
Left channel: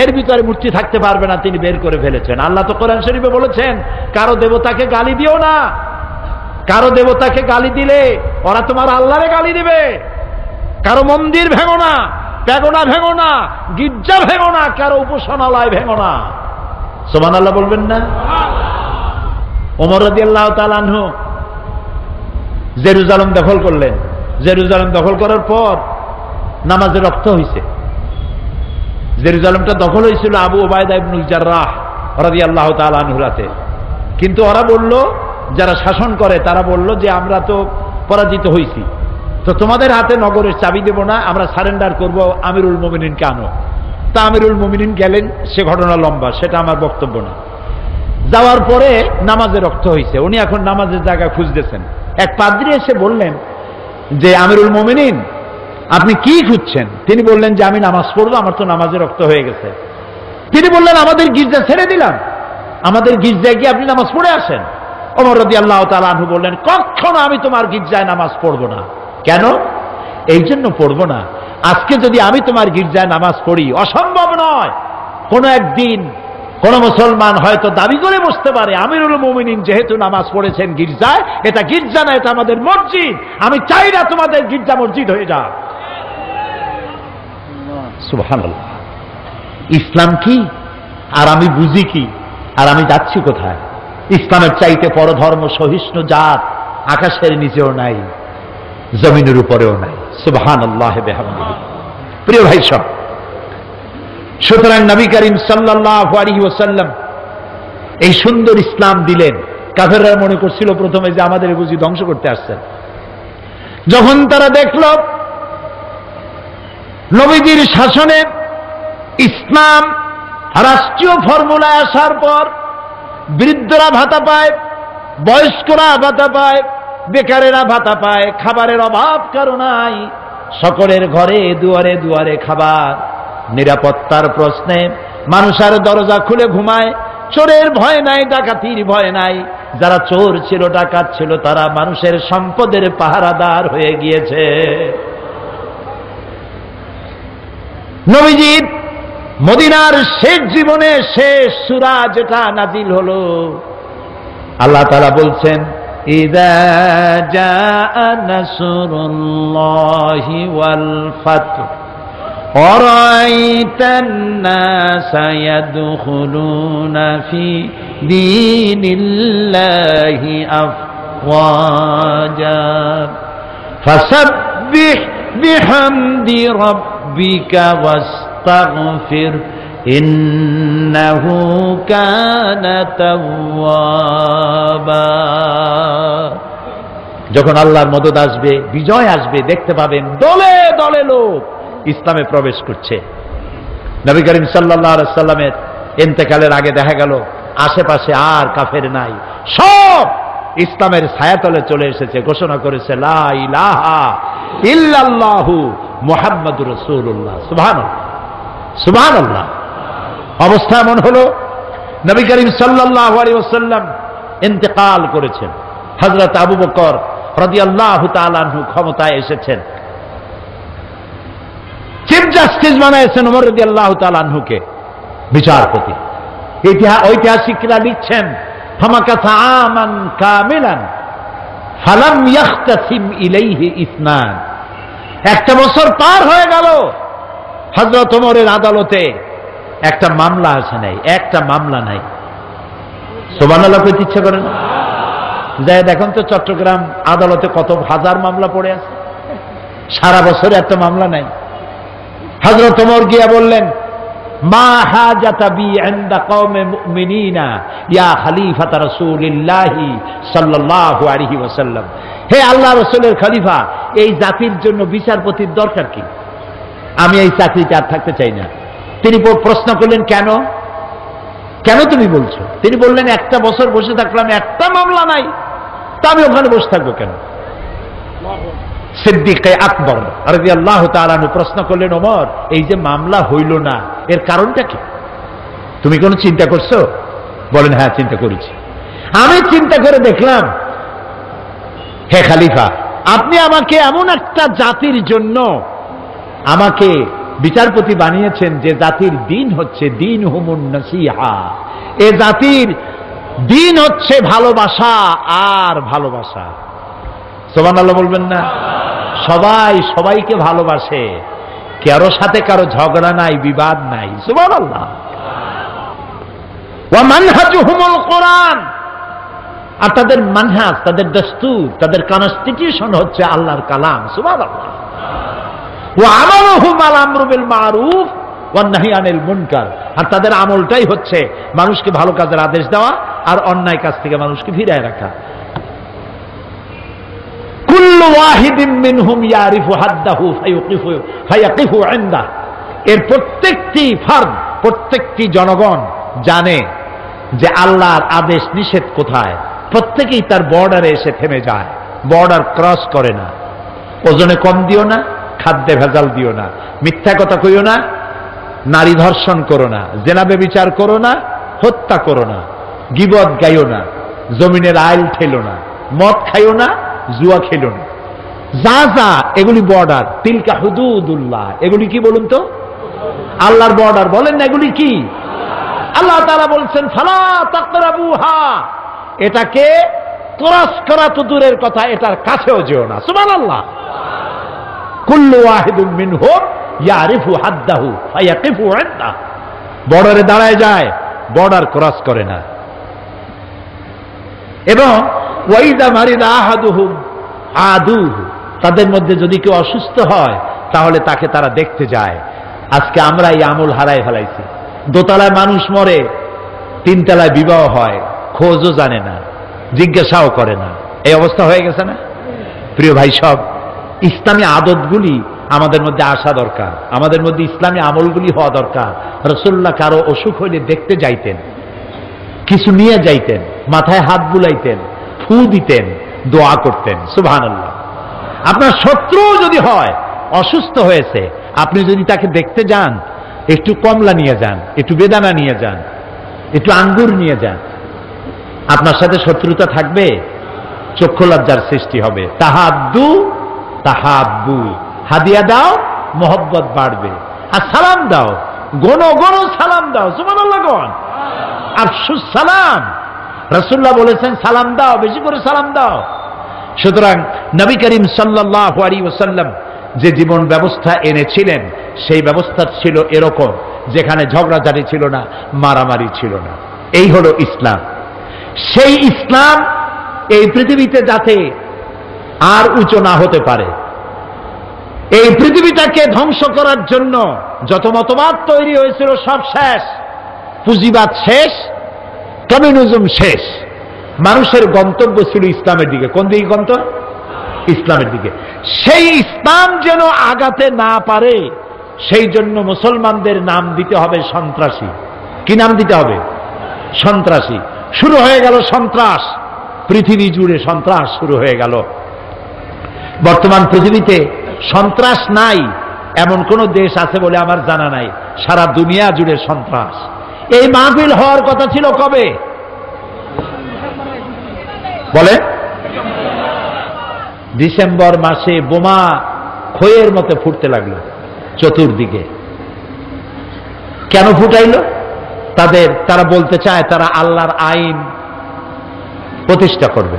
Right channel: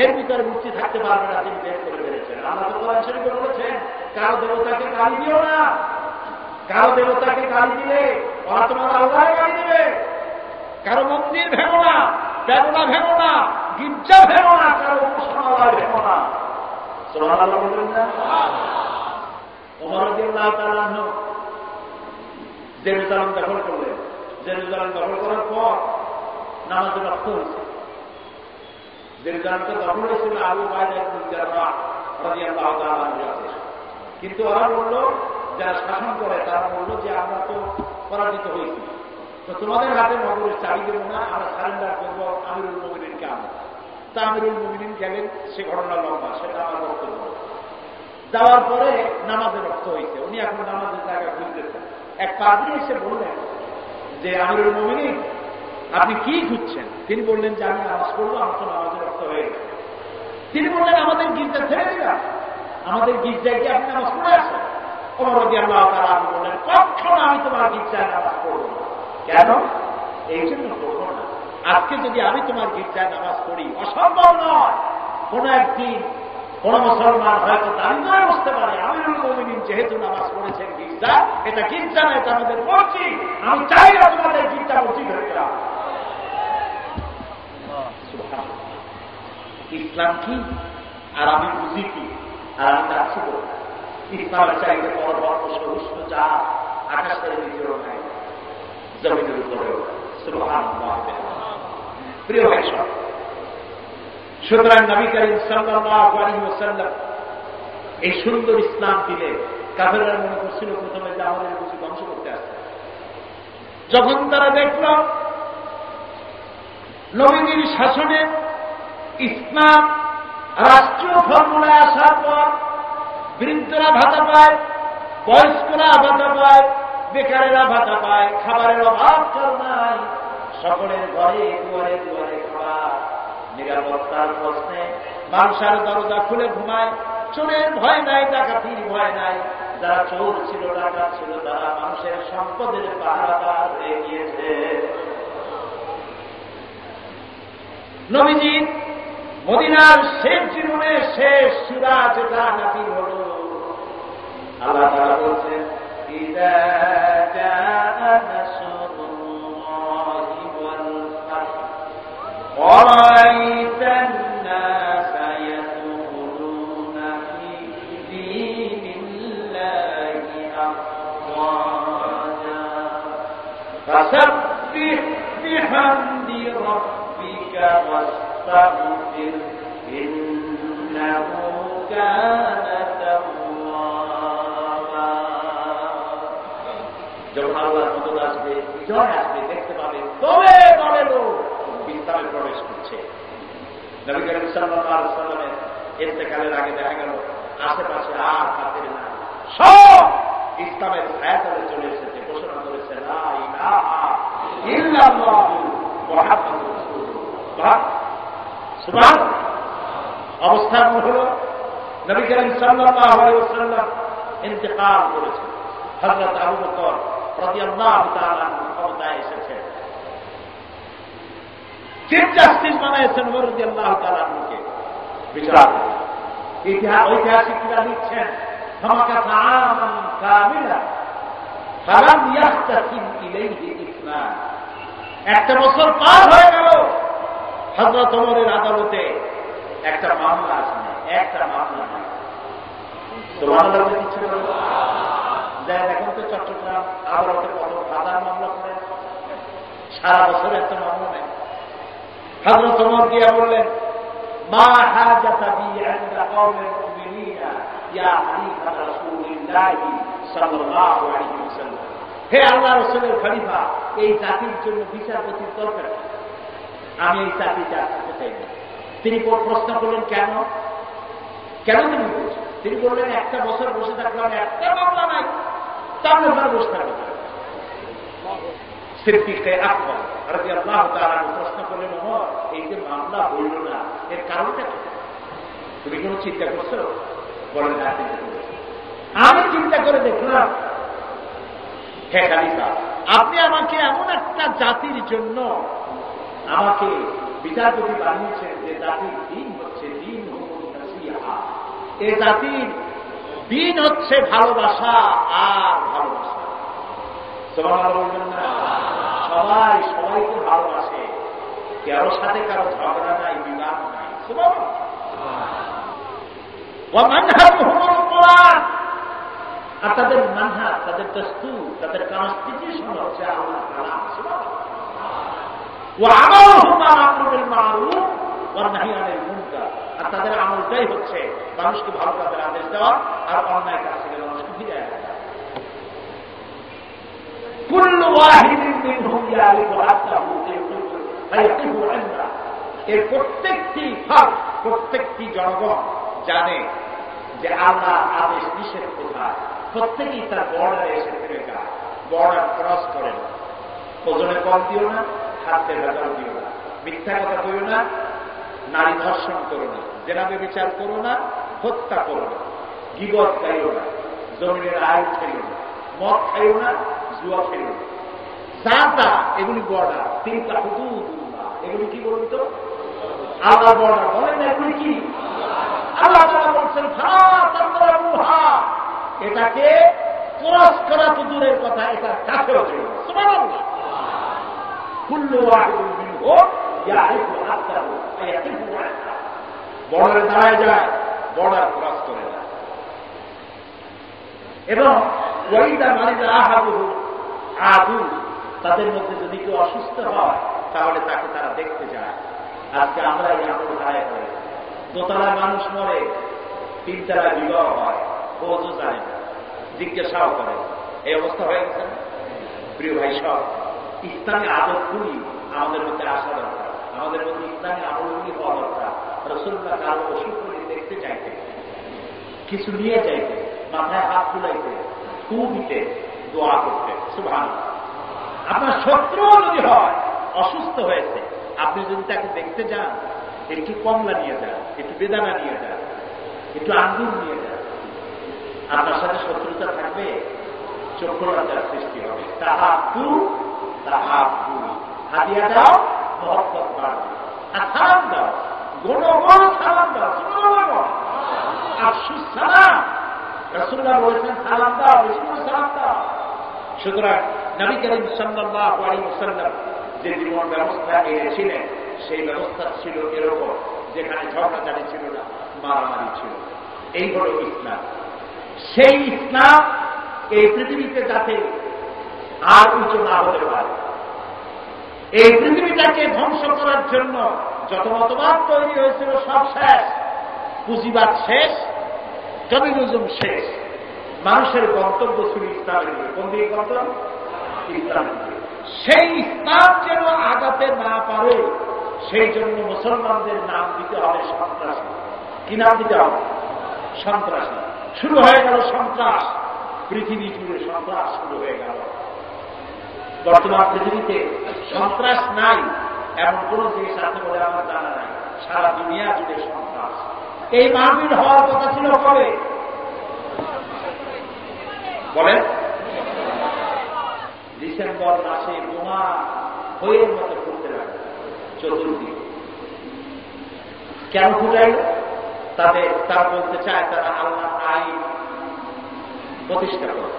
এর ভিতরে মূর্তি থাকতে পারবে না, তিনি বের করে ফেলেছেন। আল্লাহ তো কোরআন শরীফে বলেছেন, কারো দেবতাকে গালি দিও না। কারো দেবতাকে গালি দিলে ওরা তোমার আল্লাহরে গালি দিবে। কারো মন্দির ভেঙো না, প্যাগোডা ভেঙো না, গির্জা ভেঙো না, কারো উপাসনালয় ভেঙো না। সুবহানাল্লাহ বলবেন না? ওমর রাদিয়াল্লাহু তাআলা আনহু জেরুজালেম দখল করলেন। জেরুজালেম দখল করার পর নামাজে রক্ত হয়েছে। জেরুজালেমটা দখল হয়েছিল আবু উবাইদা ইবনুল জাররাহ রাদিয়াল্লাহু তাআলা আনহুর হাতে। কিন্তু ওরা বলল, যারা শাসন করে তারা বলল যে আমরা তো পরাজিত হয়েছি, তো তোমাদের হাতে নগরের চাবি দেব না, আমরা সারেন্ডার করব, আমিরুল মুমিনিনকে আনো। তা আমিরুল মুমিনিন গেলেন, সে ঘটনা লম্বা, সেটা আমার বক্তব্য না। যাওয়ার পরে নামাজে রক্ত হয়েছে। উনি এখন নামাজের জায়গা খুঁজতেছেন। এক পাদ্রী এসে বললেন যে, আমিরুল মুমিনিন, আপনি কি খুঁজছেন? তিনি বললেন যে, আমি নামাজ পড়বো, আমার তো নামাজে রক্ত হয়ে গেছে। তিনি বললেন, আমাদের গির্জা ছেড়ে দিলাম, আমাদের গির্জায় গিয়ে আপনি নামাজ পড়ে আসেন। ওমর রাদিয়াল্লাহু তাআলা আনহু বললেন, কখনো আমি তোমার গির্জায় নামাজ পড়বো না। কেন? এই জন্য পড়বো না, আজকে যদি আমি তোমার গির্জায় নামাজ পড়ি, অসম্ভব নয়, কোনো একদিন কোন মুসলমান হয়তো দাবি করে বসতে পারে, আমিরুল মুমিনিন যেহেতু নামাজ পড়েছেন গির্জায়, এটা গির্জা না, এটা আমাদের মসজিদ, আমি চাই না তোমাদের গির্জা মসজিদ হয়ে যাক। সুবহানাল্লাহ। ইসলাম কি আর আমি বুঝি কি আর আমি যাচ্ছি কোথায়? ইসলামের চাইতে পরধর্ম সহিষ্ণু জাত আকাশের নিচেও নাই, জমিনের উপরেও নাই। সুবহানাল্লাহ বিহামদিহি। প্রিয় ভাই সব, সুতরাং নবী করিম সাল্লাল্লাহু আলাইহি ওয়াসাল্লাম এই সুন্দর ইসলাম দিলেন। কাফেররা মনে করছিল প্রথমে যে আমাদের বুঝি ধ্বংস করতে আসছেন। যখন তারা দেখল নবীজির শাসনে ইসলাম রাষ্ট্রীয় ফর্মুলায় আসার পর বৃদ্ধরা ভাতা পায়, বয়স্করা ভাতা পায়, বেকারেরা ভাতা পায়, খাবারের অভাব কারো নাই, সকলের ঘরে দুয়ারে দুয়ারে খাবার, নিরাপত্তার প্রশ্নে মানুষের দরজা খুলে ঘুমায়, চোরের ভয় নাই, ডাকাতির ভয় নাই। যারা চোর ছিল, ডাকাত ছিল, তারা মানুষের সম্পদের পাহারাদার হয়ে গিয়েছে। নবীজির মদিনার শেষ জীবনে শেষ সূরা যেটা নাজিল হলো, আল্লাহ তাআলা বলছেন, ইযা জাআ নাসরুল্লাহি ওয়াল ফাতহ ওয়ারাআইতান নাসা ইয়াদখুলুনা ফি দীনিল্লাহি আফওয়াজা ফাসাব্বিহ বিহামদি রাব্বিকা ওয়াস্তাগফির ইন্নাহু কানা তাওয়াবা। যখন আল্লাহর মদদ আসবে, বিজয় আসবে, দেখতে পাবেন দলে দলে লোক ইসলামে প্রবেশ করছে। নবী করিম সাল্লাল্লাহু আলাইহি সাল্লামের ইন্তেকালের আগে দেখা গেল আশেপাশে আর কাফের নাই, সব ইসলামের ছায়াতলে চলে এসেছে, ঘোষণা করেছে লা ইলাহা ইল্লাল্লাহু মুহাম্মাদুর রাসূলুল্লাহ। সুবহানাল্লাহ, সুবহানাল্লাহ। অবস্থা এমন হলো, নবী করিম সাল্লাল্লাহু আলাইহি ওয়াসাল্লাম ইন্তেকাল করেছেন, হযরত আবু বকর রাদিয়াল্লাহু তাআলা আনহু ক্ষমতায় এসেছেন, চিফ জাস্টিস বানাইছেন ওমর রাদিয়াল্লাহু তাআলা আনহুকে বিচারপতি। ঐতিহাসিকরা লিখছেন, ফামাকাথা আমান কামিলান ফালাম ইয়াখতাসিম ইলাইহি ইসনান। একটা বছর পার হয়ে গেল, হযরত ওমরের আদালতে একটা মামলা আসে নাই, একটা মামলা নাই। সুবহানাল্লাহ কইতে ইচ্ছে করে না? যাই দেখুন তো চট্টগ্রাম আদালতে কত হাজার মামলা পড়ে আছে, সারা বছরে একটা মামলা নাই। হযরত ওমর গিয়া বললেন, মা হাজাতা বি ইনদা কওমে মুমিনিনা ইয়া খলিফাতা রাসূলিল্লাহি সাল্লাল্লাহু আলাইহি ওয়াসাল্লাম। হে আল্লাহ রাসূলের খলিফা, এই জাতির জন্য বিচারপতির দরকার কি? আমি এই চাকরিতে আর থাকতে চাই না। তিনি প্রশ্ন করলেন, কেন কেন তুমি বলছো? তিনি বললেন, একটা বছর বসে থাকলাম, একটা মামলা নাই, তা আমি ওখানে বসে থাকবো কেন? সিদ্দিক আকবর রাদিয়াল্লাহু তাআলা আনহু প্রশ্ন করলেন, ওমর, এই যে মামলা হইল না, এর কারণটা কি? তুমি কোনো চিন্তা করছো? বলেন, হ্যাঁ চিন্তা করেছি। আমি চিন্তা করে দেখলাম, হে খলিফা, আপনি আমাকে এমন একটা জাতির জন্য আমাকে বিচারপতি বানিয়েছেন যে জাতির দিন হচ্ছে দিন হুমুন নাসিহা। এ জাতির দিন হচ্ছে ভালোবাসা আর ভালোবাসা। সুবহানাল্লাহ বলবেন না? সবাই সবাইকে ভালোবাসে, কারো সাথে কারো ঝগড়া নাই, বিবাদ নাই। সুবহানাল্লাহ। ওয়া মানহাজুহুমুল কোরআন, আর তাদের মানহাজ, তাদের দস্তুর, তাদের কনস্টিটিউশন হচ্ছে আল্লাহর কালাম। সুবহানাল্লাহ। ওয়া আমালুহুম আল আমরু বিল মারুফ ওয়ান নাহি আনিল মুনকার, আর তাদের আমলটাই হচ্ছে মানুষকে ভালো কাজের আদেশ দেওয়া আর অন্যায় কাজ থেকে মানুষকে ফিরিয়ে রাখা। কুল্লু ওয়াহিদিন মিনহুম ইয়ারিফু হাদ্দাহু ফায়াকিফু ইনদাহু, এর প্রত্যেকটি ফার্দ, প্রত্যেকটি জনগণ জানে যে আল্লাহর আদেশ নিষেধ কোথায়। প্রত্যেকেই তার বর্ডারে এসে থেমে যায়, বর্ডার ক্রস করে না। ওজনে কম দিও না, খাদ্যে ভেজাল দিও না, মিথ্যা কথা কইও না, নারী ধর্ষণ করো না, জেনা ব্যভিচার করো না, হত্যা করো না, গীবত গাইও না, জমিনের আইল ঠেলো না, মদ খাইও না, জুয়া খেলো না। যা যা এগুলি বর্ডার, তিলকা হুদুদুল্লাহ, এগুলি কি বলুন তো? আল্লাহর বর্ডার। বলেন না এগুলি কি? আল্লাহ তাআলা বলছেন, ফালা তাকরাবুহা, এটাকে ক্রস করা তো দূরের কথা, এটার কাছেও যেও না। সুবহানাল্লাহ। কুল্লু ওয়াহিদুম মিনহুম ইয়ারিফু হাদ্দাহু ফায়াকিফু ইনদাহু, বর্ডারে দাঁড়ায় যায়, বর্ডার ক্রস করে না। এবং ওয়াইদা মারিদা আহাদুহুম আদুহু, তাদের মধ্যে যদি কেউ অসুস্থ হয় তাহলে তাকে তারা দেখতে যায়। আজকে আমরা এই আমল হারাই ফেলাইছি। দোতলায় মানুষ মরে, তিনতলায় বিবাহ হয়, খোঁজও জানে না, জিজ্ঞাসাও করে না। এই অবস্থা হয়ে গেছে না? প্রিয় ভাই সব, ইসলামী আদতগুলি আমাদের মধ্যে আসা দরকার, আমাদের মধ্যে ইসলামী আমলগুলি হওয়া দরকার। রাসূলুল্লাহ কারো অসুখ হইলে দেখতে যাইতেন, কিছু নিয়ে যাইতেন, মাথায় হাত বুলাইতেন, ফু দিতেন, দোয়া করতেন। সুবহানাল্লাহ। আপনার শত্রু যদি হয়, অসুস্থ হয়েছে, আপনি যদি তাকে দেখতে যান, একটু কমলা নিয়ে যান, একটু বেদানা নিয়ে যান, একটু আঙ্গুর নিয়ে যান, আপনার সাথে শত্রুতা থাকবে, চক্ষু লজ্জার সৃষ্টি হবে। তাহাদ্দু তাহাব্বু, হাদিয়া দাও, মোহব্বত বাড়বে। আর সালাম দাও, গণ গণ সালাম দাও, সুবহানাল্লাহ গণ, আফসুস সালাম। রাসূলুল্লাহ বলেছেন সালাম দাও, বেশি করে সালাম দাও। সুতরাং নবী করিম সাল্লাল্লাহু আলাইহি ওয়াসাল্লাম যে জীবন ব্যবস্থা এনেছিলেন, সেই ব্যবস্থা ছিল এরকম, যেখানে ঝগড়াঝাটি ছিল না, মারামারি ছিল না। এই হলো ইসলাম। সেই ইসলাম এই পৃথিবীতে যাতে আর উঁচু না হতে পারে, এই পৃথিবীটাকে ধ্বংস করার জন্য যত মতবাদ তৈরি হয়েছিল সব শেষ, পুঁজিবাদ শেষ, কমিউনিজম শেষ। মানুষের গন্তব্য ছিল ইসলামের দিকে। কোন দিকে গন্তব্য? ইসলামের দিকে। সেই ইসলাম যেন আগাতে না পারে, সেই জন্য মুসলমানদের নাম দিতে হবে সন্ত্রাসী। কি নাম দিতে হবে? সন্ত্রাসী। শুরু হয়ে গেল সন্ত্রাস, পৃথিবী জুড়ে সন্ত্রাস শুরু হয়ে গেল। বর্তমান পৃথিবীতে সন্ত্রাস নাই এমন কোন দেশ আছে বলে আমার জানা নাই। সারা দুনিয়া জুড়ে সন্ত্রাস। এই মাহফিল হওয়ার কথা ছিল কবে বলেন? ডিসেম্বর মাসে বোমা খইয়ের মতো ফুটতে লাগলো চতুর্দিকে। কেন ফুটাইল? তারা বলতে চায় তারা আল্লাহর আইন প্রতিষ্ঠা করবে।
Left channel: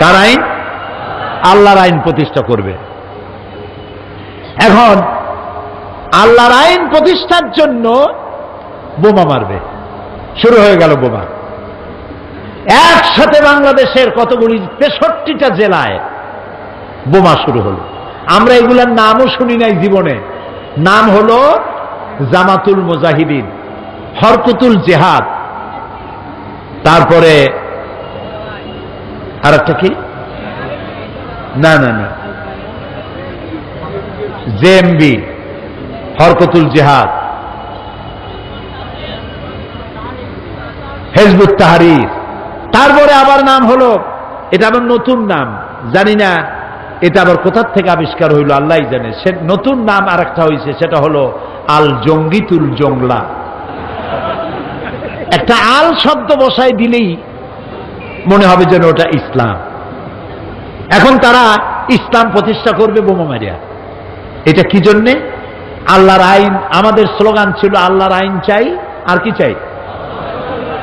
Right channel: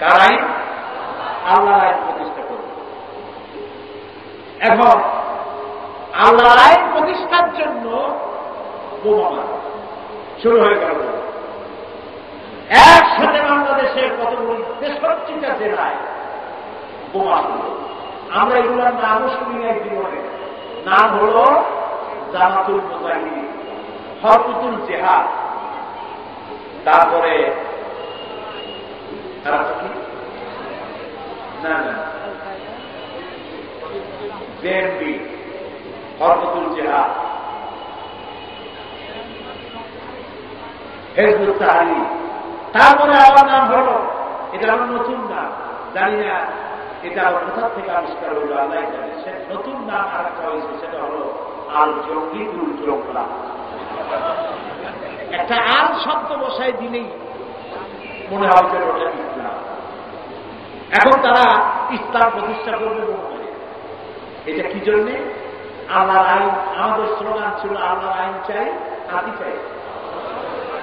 কার আইন? আল্লাহর আইন প্রতিষ্ঠা করবে। এখন আল্লাহর আইন প্রতিষ্ঠার জন্য বোমা মারবে। শুরু হয়ে গেল বোমা। একসাথে বাংলাদেশের কতগুলি 63টা জেলায় বোমা শুরু হলো। আমরা এগুলার নামও শুনি নাই জীবনে। নাম হলো জামাতুল মুজাহিদিন, হরকতুল জেহাদ, তারপরে আর একটা কি, না না না, জেএমবি, হরকতুল জেহাদ, হিজবুত তাহরীর। তারপরে আবার নাম হলো, এটা আবার নতুন নাম, জানি না এটা আবার কোথার থেকে আবিষ্কার হইল আল্লাহই জানে। সে নতুন নাম আর একটা হয়েছে, সেটা হলো আল জঙ্গিতুল জংলা। একটা আল শব্দ বসায় দিলেই মনে হবে যেন ওটা ইসলাম। এখন তারা ইসলাম প্রতিষ্ঠা করবে বোমা মারিয়া। এটা কি জন্যে? আল্লাহর আইন। আমাদের স্লোগান ছিল আল্লাহর আইন চাই, আর কি চাই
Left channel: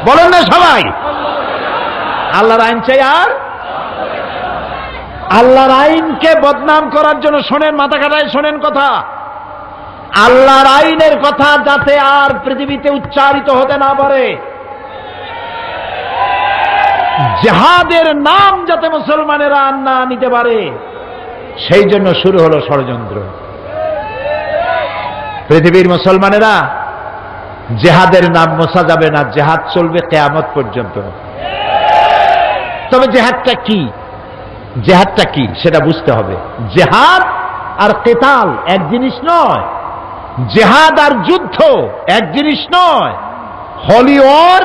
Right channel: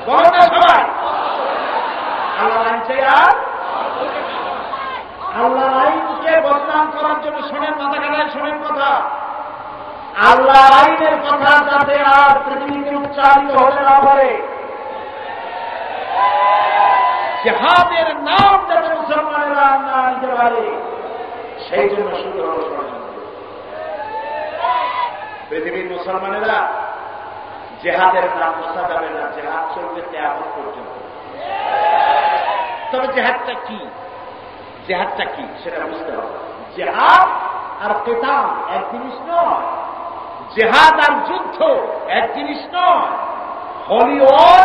বলেন না সবাই? আল্লাহর আইন চাই। আর আল্লাহর আইনকে বদনাম করার জন্য শোনেন, মাথা কাটায় শোনেন কথা, আল্লাহর আইনের কথা যাতে আর পৃথিবীতে উচ্চারিত হতে না পারে, জিহাদের নাম যাতে মুসলমানেরা না নিতে পারে, সেই জন্য শুরু হলো ষড়যন্ত্র। পৃথিবীর মুসলমানেরা জিহাদের নাম মোছা যাবে না, জিহাদ চলবে কিয়ামত পর্যন্ত। তবে জিহাদটা কি, জিহাদটা কি সেটা বুঝতে হবে। জিহাদ আর কিতাল এক জিনিস নয়, জিহাদ আর যুদ্ধ এক জিনিস নয়, হলি ওয়ার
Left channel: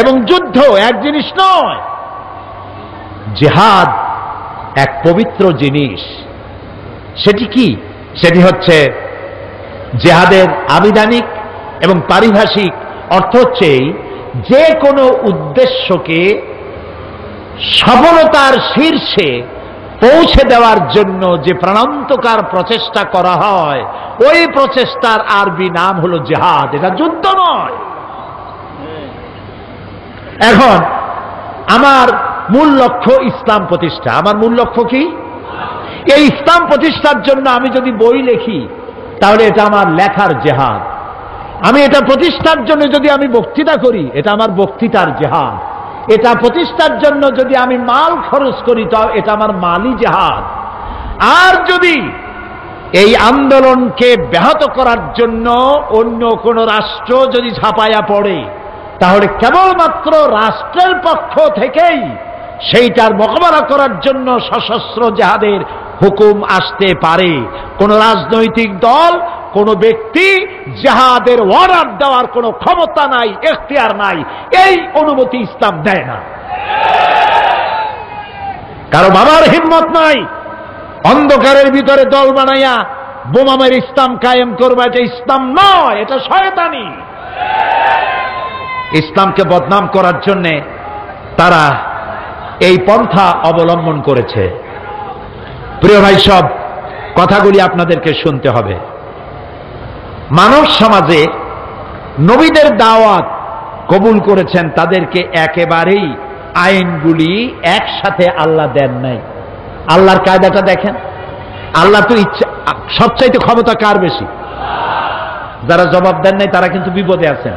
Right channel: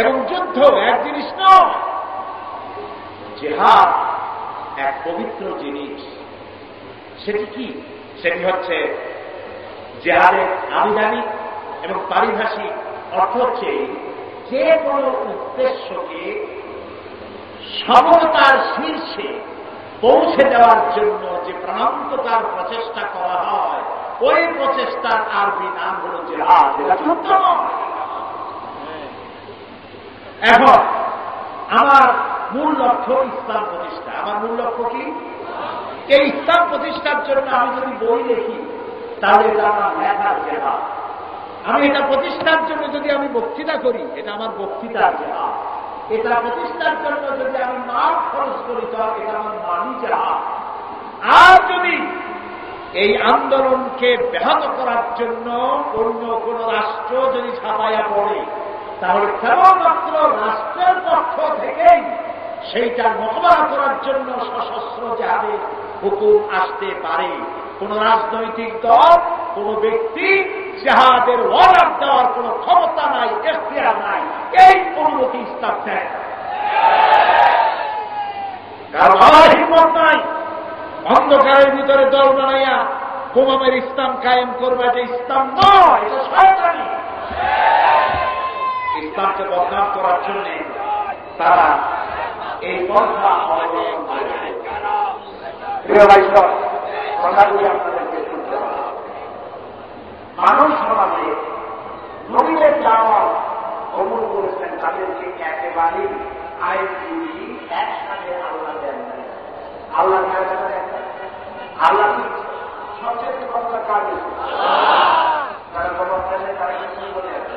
এবং যুদ্ধ এক জিনিস নয়। জিহাদ এক পবিত্র জিনিস। সেটি কি? সেটি হচ্ছে জিহাদের আবিধানিক এবং পারিভাষিক অর্থ হচ্ছে যে কোনো উদ্দেশ্যকে সফলতার শীর্ষে পৌঁছে দেওয়ার জন্য যে প্রাণান্তকার প্রচেষ্টা করা হয়, ওই প্রচেষ্টার আরবি নাম হলো জিহাদ। এটা যুদ্ধ নয়। এখন আমার মূল লক্ষ্য ইসলাম প্রতিষ্ঠা। আমার মূল লক্ষ্য কি? এই ইসলাম প্রতিষ্ঠার জন্য আমি যদি বই লিখি, তাহলে এটা আমার লেখার জিহাদ। আমি এটা প্রতিষ্ঠার জন্য যদি আমি বক্তৃতা করি, এটা আমার বক্তৃতার জিহাদ। এটা প্রতিষ্ঠার জন্য যদি আমি মাল খরচ করি, তাও এটা আমার মালি জিহাদ। আর যদি এই আন্দোলনকে ব্যাহত করার জন্য অন্য কোন রাষ্ট্র যদি ঝাঁপাইয়া পড়ে, তাহলে কেবলমাত্র রাষ্ট্রের পক্ষ থেকেই সেইটার মোকাবেলা করার জন্য সশস্ত্র জিহাদের হুকুম আসতে পারে। কোন রাজনৈতিক দল, কোন ব্যক্তি জিহাদের অর্ডার দেওয়ার কোন ক্ষমতা নাই, এখতিয়ার নাই। এই অনুমতি ইসলাম দেয় না। কারো বাবার হিম্মত নাই অন্ধকারের ভিতরে দল বানাইয়া বোমা মেরে ইসলাম কায়েম করবে, এটা ইসলাম নয়, এটা শয়তানি। ইসলামকে বদনাম করার জন্য তারা এই পন্থা অবলম্বন করেছে। প্রিয় ভাই, সব কথাগুলি আপনাদেরকে শুনতে হবে। মানব সমাজে নবীদের দাওয়াত কবুল করেছেন, তাদেরকে একেবারেই আইনগুলি একসাথে আল্লাহ দেন নাই। আল্লাহর কায়দাটা দেখেন। আল্লাহ তো ইচ্ছা, সবচাইতে ক্ষমতা কার বেশি? যারা জবাব দেন নাই তারা কিন্তু বিপদে আছেন।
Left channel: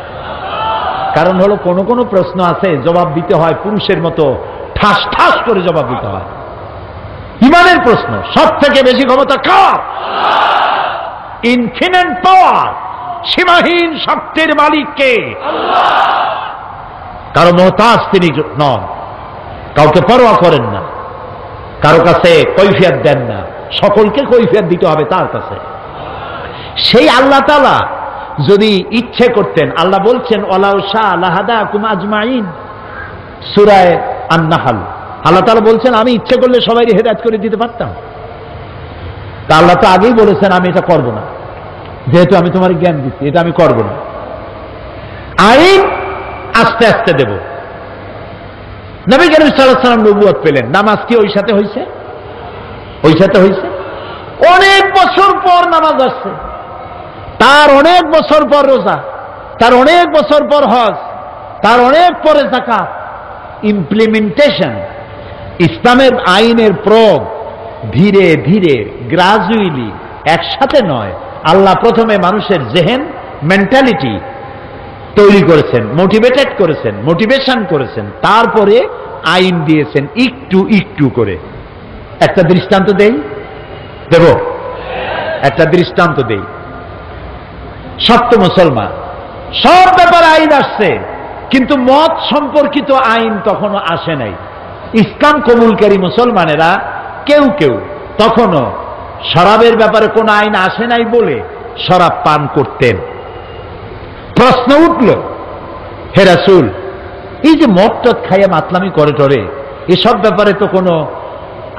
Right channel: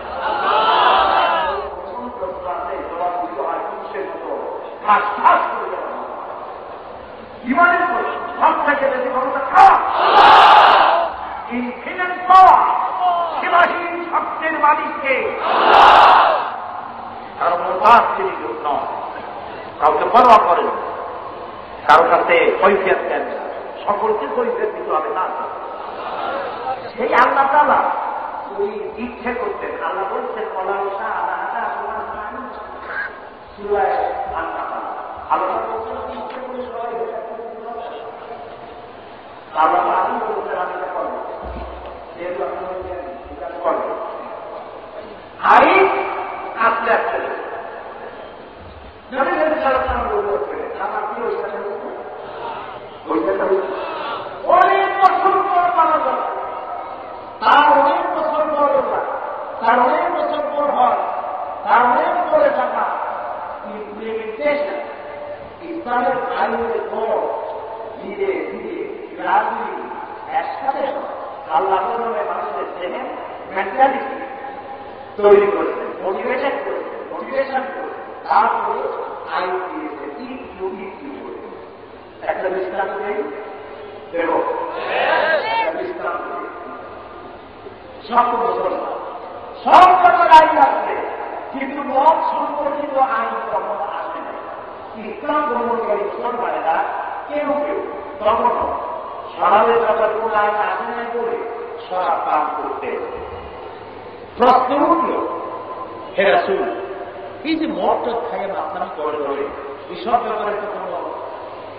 কারণ হলো কোনো কোনো প্রশ্ন আছে জবাব দিতে হয় পুরুষের মতো ঠাস ঠাস করে জবাব দিতে হয়। ইমানের প্রশ্ন সব থেকে বেশি ক্ষমতা কার? ইনফিনিট পাওয়ার, সীমাহীন শক্তির মালিক কে? কারো মোহতাজ তিনি নন, কাউকে পরোয়া করেন না, কারো কাছে কৈফিয়ত দেন না, সকলকে কৈফিয়ত দিতে হবে তার কাছে। সেই আল্লাহ তাআলা যদি ইচ্ছে করতেন, আল্লাহ বলছেন ওয়ালাউ শাআ লাহাদাকুম আজমাইন, সূরা আন-নাহল। আল্লাহ তাআলা বলছেন আমি ইচ্ছে করলে সবাইকে হেদায়েত করে দিতে পারতাম। তা আল্লাহ তো আগেই বলেছেন আমি এটা করব না, যেহেতু আমি তোমার জ্ঞান দিচ্ছি, এটা আমি করব না। আইন আস্তে আস্তে দেব। নবী করিম সাল্লাল্লাহু আলাইহি ওয়াসাল্লাম নবুয়ত পেলেন, নামাজ কি ওই সাথে হয়েছে? ওই সাথে হয়েছে। অনেক বছর পর নামাজ আসছে, তার অনেক বছর পর রোজা, তার অনেক বছর পর হজ, তার অনেক পরে যাকাত। ইমপ্লিমেন্টেশন, ইসলামের আইনের প্রয়োগ ধীরে ধীরে গ্রাজুয়ালি, একসাথে নয়। আল্লাহ প্রথমে মানুষের জেহেন, মেন্টালিটি তৈরি করেছেন, মোটিভেটেড করেছেন, মোটিভেশন করেছেন, তারপরে আইন দিয়েছেন একটু একটু করে। একটা দৃষ্টান্ত দেই, দেব একটা দৃষ্টান্ত দেই। সত্য মুসলমান, সব ব্যাপারে আইন আসছে, কিন্তু মত সম্পর্কিত আইন তখনও আসে নাই। ইসলাম কবুলকারী মুসলমানেরা কেউ কেউ তখনও শরাবের ব্যাপারে কোন আইন আসে নাই বলে শরাব পান করতেন। প্রশ্ন উঠল, হে রাসূল, এই যে মদ টদ খাইয়া মাতলামি করে টরে, এসব ব্যাপারে তো কোনো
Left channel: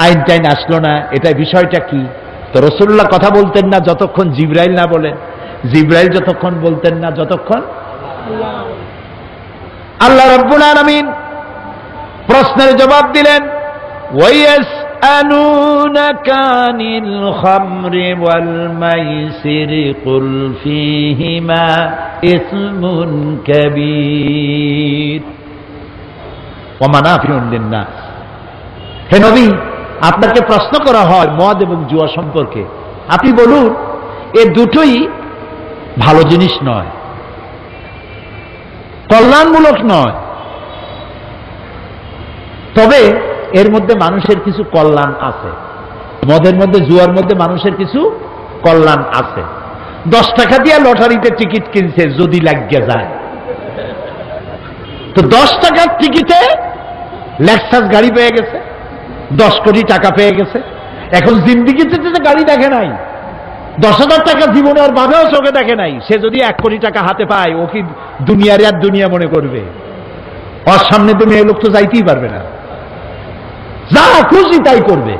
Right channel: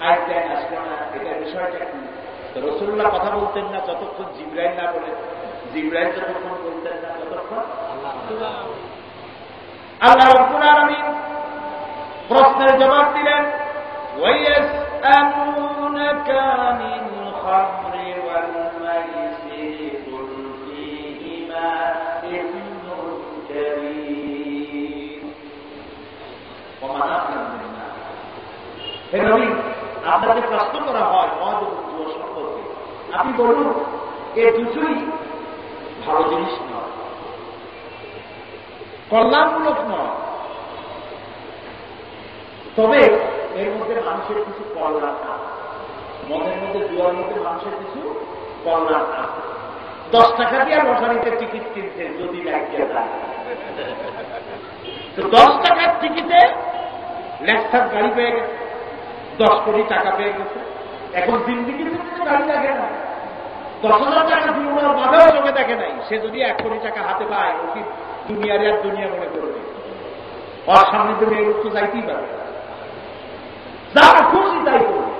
আইন টাইন আসলো না, এটা বিষয়টা কি? তো রাসূলুল্লাহ কথা বলতেন না যতক্ষণ জিবরাইল না বলেন, জিবরাইল যতক্ষণ বলতেন না যতক্ষণ আল্লাহ রাব্বুল আলামিন প্রশ্নের জবাব দিলেন, ওয়ায়াসআলুনাকা আনিল খামরি ওয়াল মাইসিরি কুল ফীহিমা ইসমুন কাবীর ওয়া মানাফিউন লিন-নাস। হে নবী, আপনাকে প্রশ্ন করা হয় মদ এবং জুয়া সম্পর্কে, আপনি বলুন এ দুটোই ভালো জিনিস নয়, কল্যাণমূলক নয়, তবে এর মধ্যে মানুষের কিছু কল্যাণ আছে। মদের মধ্যে, জুয়ার মধ্যে মানুষের কিছু কল্যাণ আছে। 10 টাকা দিয়ে লটারিতে টিকিট কিনছে, যদি লাগিয়ে যায় তো 10 টাকার টিকিটে লেক্সাস গাড়ি পেয়ে গেছে, 10 কোটি টাকা পেয়ে গেছে। এখন জিন্দিগিতে যে গাড়ি দেখে নাই, 10,000 টাকা জীবনে আর ভাবেও চোখে দেখে নাই, সে যদি 1 কোটি টাকা হাতে পায়, ও কি দুনিয়ার আর দুনিয়া মনে করবে? ওর সামনে তো মেয়ে লোক তো যাইতেই পারবে না, যা খুশি তাই করবে।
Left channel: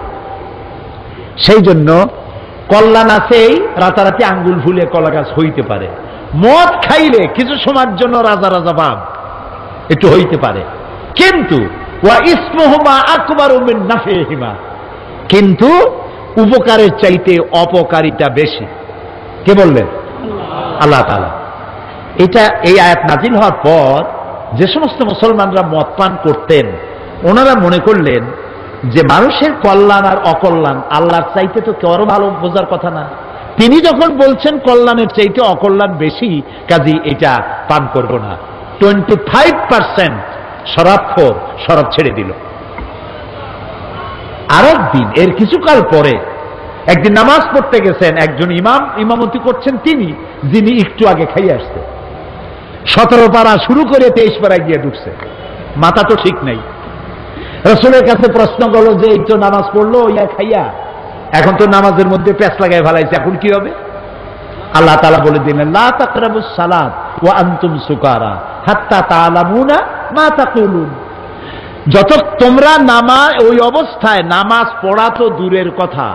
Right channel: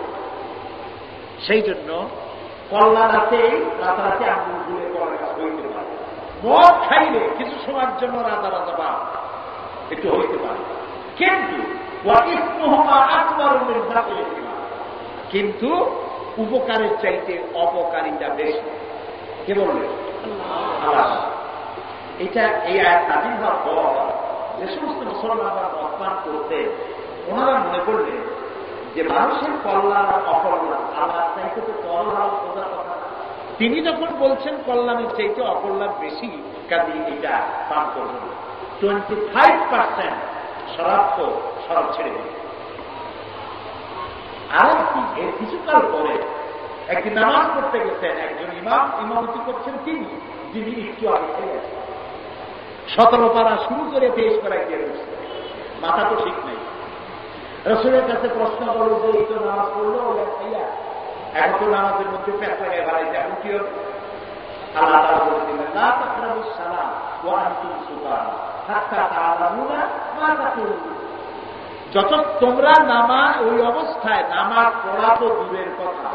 সেই জন্য কল্যাণ আছেই, রাতারাতি আঙ্গুল ফুলে কলা গাছ হইতে পারে। মদ খাইলে কিছু সময়ের জন্য রাজা রাজা ভাব একটু হইতে পারে, কিন্তু ওয়া ইসমুহুমা আকবারু মিন নাফিহিমা, কিন্তু উপকারের চাইতে অপকারিতা বেশি। কে বললেন? আল্লাহ তাআলা। এটা এই আয়াত নাজিল হওয়ার পর যে সমস্ত মুসলমানরা মদ পান করতেন, ওনারা মনে করলেন যে মানুষের কল্যাণ আর অকল্যাণ আল্লাহর চাইতে তো কেউ ভালো বোঝার কথা না। তিনি যখন বলছেন কল্যাণের চাইতে অকল্যাণ বেশি, কাজী এটা পান করব না। 25% শরাবখোর শরাব ছেড়ে দিল। আরেকদিন, এর কিছুকাল পরে একদিন নামাজ পড়তে গেছেন, একজন ইমাম ইমামতি করছেন তিনি, যিনি একটু আগে খাইয়ে আসছে। 17 পারা শুরু করে 23 পাড়ায় গিয়ে ঢুকছে, মাথা তো ঠিক নাই। রাসূলের কাছে প্রশ্ন করলো যে এই তো নামাজ পড়লো ইয়া খাইয়া, এখন তো নামাজের মধ্যে প্যাঁচ লাগাই ফেলাইছে, এখন কি হবে? আল্লাহ তাআলা বলে দিলেন, লা তাকরাবুস সালাত ওয়া আনতুম সুকারা হাত্তা তা'লামুনা মা তাকুলুন। যত তোমরা ওই অবস্থায় নামাজ পড়া তো দূরের কথা,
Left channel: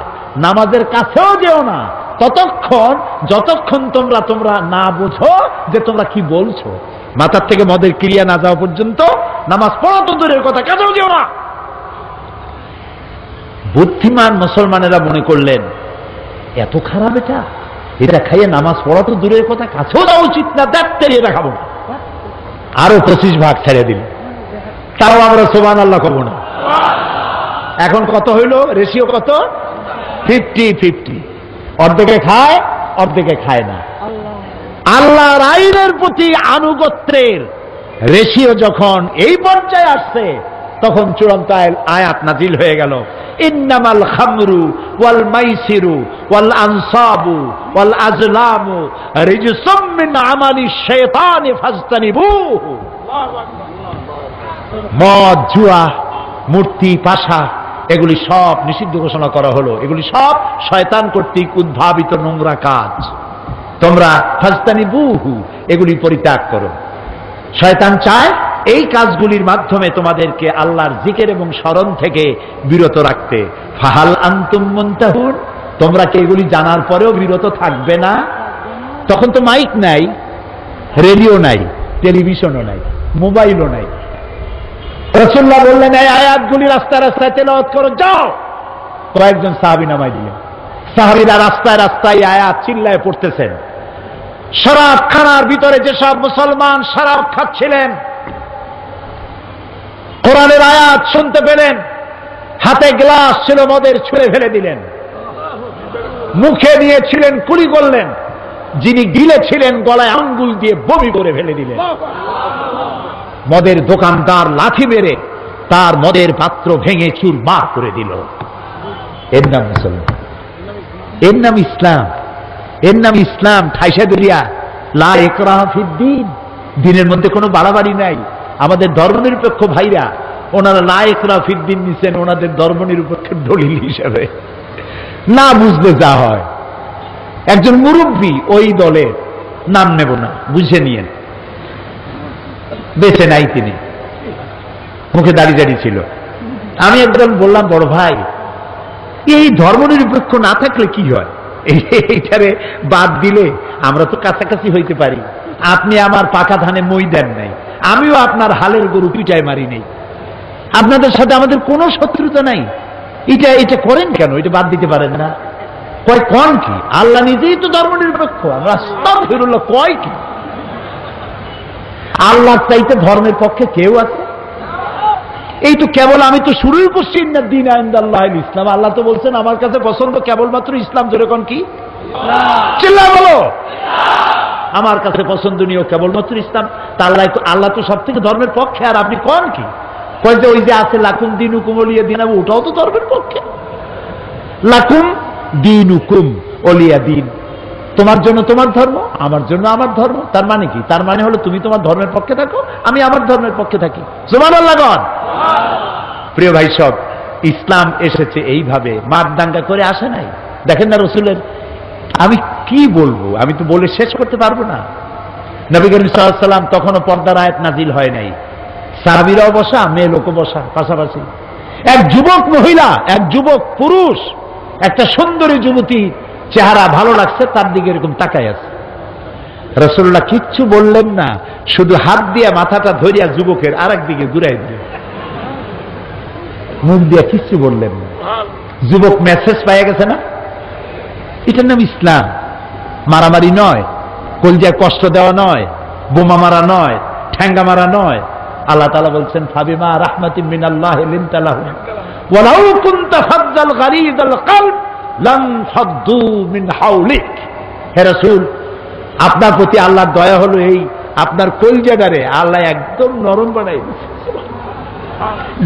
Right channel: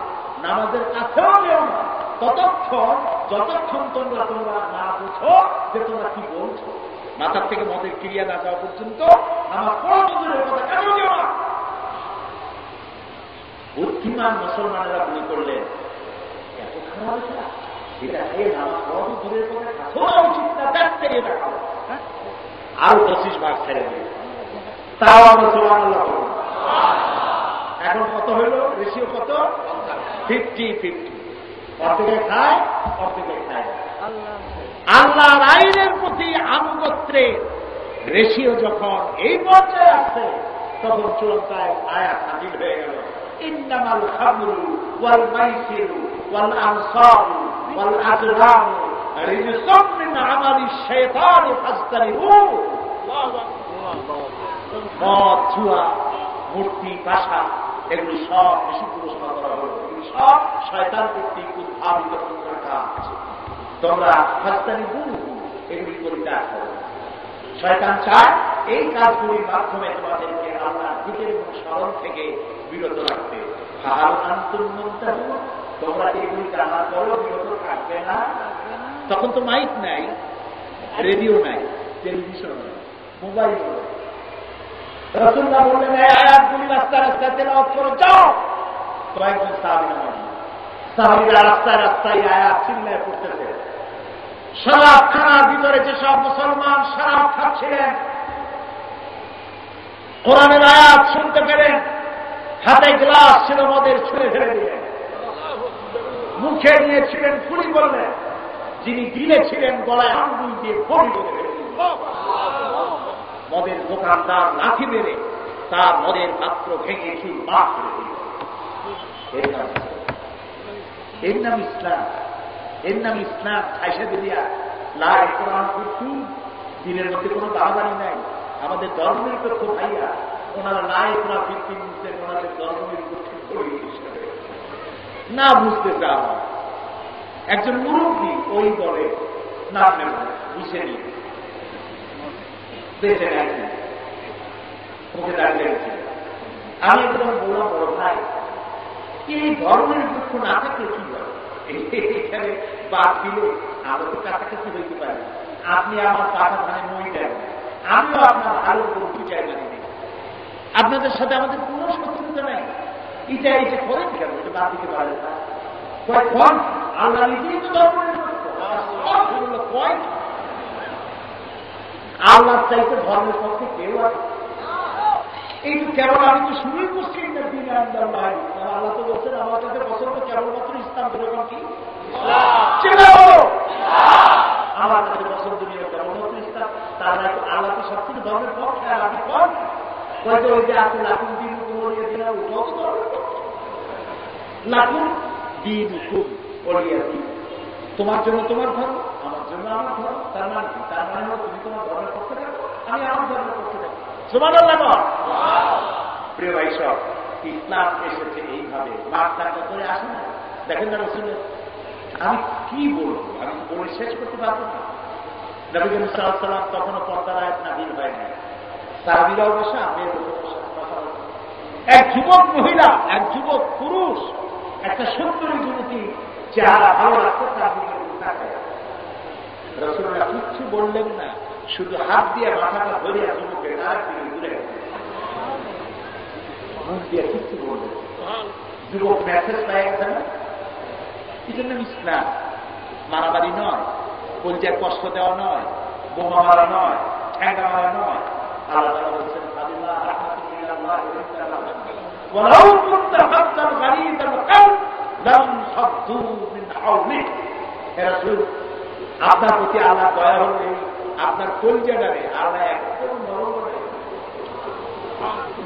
নামাজের কাছেও যেও না ততক্ষণ যতক্ষণ তোমরা না বুঝো যে তোমরা কি বলছো। মাথার থেকে মদের ক্রিয়া না যাওয়া পর্যন্ত নামাজ পড়া তো দূরের কথা, কেন যেও না। বুদ্ধিমান মুসলমানেরা মনে করলেন এত খারাপ এটা খাইয়ে নামাজ পড়া তো দূরের কথা, কাছেও দেওয়া উচিত না, দেখতে এটা খাবো। আরো 25 ভাগ ছেড়ে দিল, তাও আমরা সুবহানাল্লাহ করবো না। এখন কত হইল রেশিও? কত? 50-50। অর্ধেকে খায়, অর্ধেকে খায় না। আল্লাহর আইনের প্রতি আনুগত্যের রেশিও যখন এই পর্যায়ে আসছে, তখন চূড়ান্ত আয়াত নাজিল হয়ে গেল, ইন্নামাল খামরু ওয়াল মাইসিরু ওয়াল আনসাবু ওয়াল আজলামু রিজসুম মিন আমালিশ শাইতানি ফাজতানিবুহু। মদ, জুয়া, মূর্তি, পাশা এগুলি সব নিষিদ্ধ ঘোষণা করা হলো। এগুলি সব শয়তান কর্তৃক উদ্ভাবিত নোংরা কাজ, তোমরা ফাজতানিবুহু এগুলি পরিত্যাগ করো। শয়তান চায় এই কাজগুলির মাধ্যমে তোমাদেরকে আল্লাহর জিকির এবং স্মরণ থেকে বিরত রাখতে। ফাহাল আনতুম মুনতাহুন, তোমরা কি এগুলি জানার পরেও বিরত থাকবে না? তখন তো মাইক নাই, রেডিও নাই, টেলিভিশনও নাই, মোবাইলও নাই। রাসূলুল্লাহ বললেন এই আয়াতগুলি রাস্তায় রাস্তায় তেলাওয়াত করো, যাও। কয়েকজন সাহাবী নামাই দিলেন। সাহাবীরা রাস্তায় রাস্তায় আয়াত চিল্লায় পড়তেছেন। শরাব খানার ভিতরে যেসব মুসলমান শরাব খাচ্ছিলেন, কোরআনের আয়াত শুনতে পেলেন, হাতে গ্লাস ছিল মদের ছুঁড়ে ফেলে দিলেন। মুখে নিয়েছিলেন কুলি করলেন, যিনি গিলেছিলেন গলায় আঙ্গুল দিয়ে বমি করে ফেলে দিলেন। মদের দোকানদার লাঠি মেরে তার মদের পাত্র ভেঙে চুরমার করে দিল। এর নাম মুসলমান, এর নাম ইসলাম, এর নাম ইসলাম। ঠাইসা দুলিয়া লা ইকরাহা ফিদ্দীন, দিনের মধ্যে কোনো বাড়াবাড়ি নাই। আমাদের ধর্মনিরপেক্ষ ভাইরা ওনারা লা ইকরাহা ফিদ্দীন নিছেন ওনাদের ধর্মনিরপেক্ষের দলিল হিসেবে। না বুঝলে যা হয়। একজন মুরব্বী ওই দলের, নাম নেব না, বুঝে নিয়ে, বেঁচে নাই তিনি, মুখে দাড়ি দাড়ি ছিল। আমি একদম বললাম, বড় ভাই এই ধর্মনিরপেক্ষ না থাকলে কি হয়? এইটারে বাদ দিলে আমরা তো কাছাকাছি হইতে পারি। আপনি আমার পাকা ধানে মই দেন নাই, আমিও আপনার হালের গরু পিটায় মারি নেই, আপনাদের সাথে আমাদের কোনো শত্রুতা নাই। এটা করেন কেন? এটা বাদ দিতে পারেন না? কয় কোন কি? আল্লাহ নিজেই তো ধর্মনিরপেক্ষ। আমরা আস্তাগফিরুল্লাহ, কয় কি? আল্লাহর চাইতে ধর্মের পক্ষে কেউ আছে? এই তো কেবল আমি তো শুরুই করছি না দিন ইনদাল্লাহিল ইসলাম। আল্লাহ তো বলছেন আমার কাছে পছন্দ কেবলমাত্র ইসলাম। যেরকম কি চিল্লায় বলো, আমার কাছে পছন্দনীয় কেবলমাত্র ইসলাম। তা আল্লাহ তো সব থেকে ধর্মের পক্ষে, আর আপনি কোন কি? কয় যে ওই যে আছে লাকুম দীনুকুম ওলিয়া দিন, ওটাও তো ধর্মের পক্ষে। লাকুম দীনুকুম ওলিয়া দিন, তোমার জন্য তোমার ধর্ম, আমার জন্য আমার ধর্ম। তার মানে কি? তার মানে হলো তুমি তোমার ধর্মের পক্ষে থাকো, আমি আমার ধর্মের পক্ষে থাকি। সুবহানাল্লাহ। প্রিয় ভাই সব, ইসলাম এসেছে এইভাবে, মার দাঙ্গা করে আসে নাই। দেখেন না রসুলের, আমি কি বলবো, আমি তো বলে শেষ করতে পারবো না। নবী করিম সাল্লাল্লাহু আলাইহি ওয়াসাল্লাম তখনও পর্দার আয়াত নাজিল হয় নাই। সাহাবীরাও বসা, মেয়ে লোকও বসা পাশাপাশি। এক যুবক মহিলা, এক যুবক পুরুষ, একটা সুন্দরী যুবতী, চেহারা ভালো লাগছে, তার দিকে এরকম তাকায় আছে। রাসূলুল্লাহ কিচ্ছু বললেন না, শুধু হাত দিয়ে মাথাটা ধরিয়া যুবকের আরেক দিকে ঘুরাই দিলেন, মুখ দিয়ে কিচ্ছু বললেন না। যুবক মেসেজ পাইয়া গেছে না? এটার নাম ইসলাম। মারামারি নয়, কলজায় কষ্ট দেওয়া নয়, বোমা মারা নয়, ঠ্যাঙ্গা মারা নয়। আল্লাহ তাআলা বলছেন ফাবিমা রাহমাতিন মিনাল্লাহি লিনতা লাহুম ওয়ালাউ কুনতা ফাজ্জাল গালিযাল কলব লাম ফাদ্দু মিন হাওলিক। হে রাসূল, আপনার প্রতি আল্লাহর দয়া হলো এই, আপনার কলজাটারে আল্লাহ একদম নরম বানাই দিয়েছে।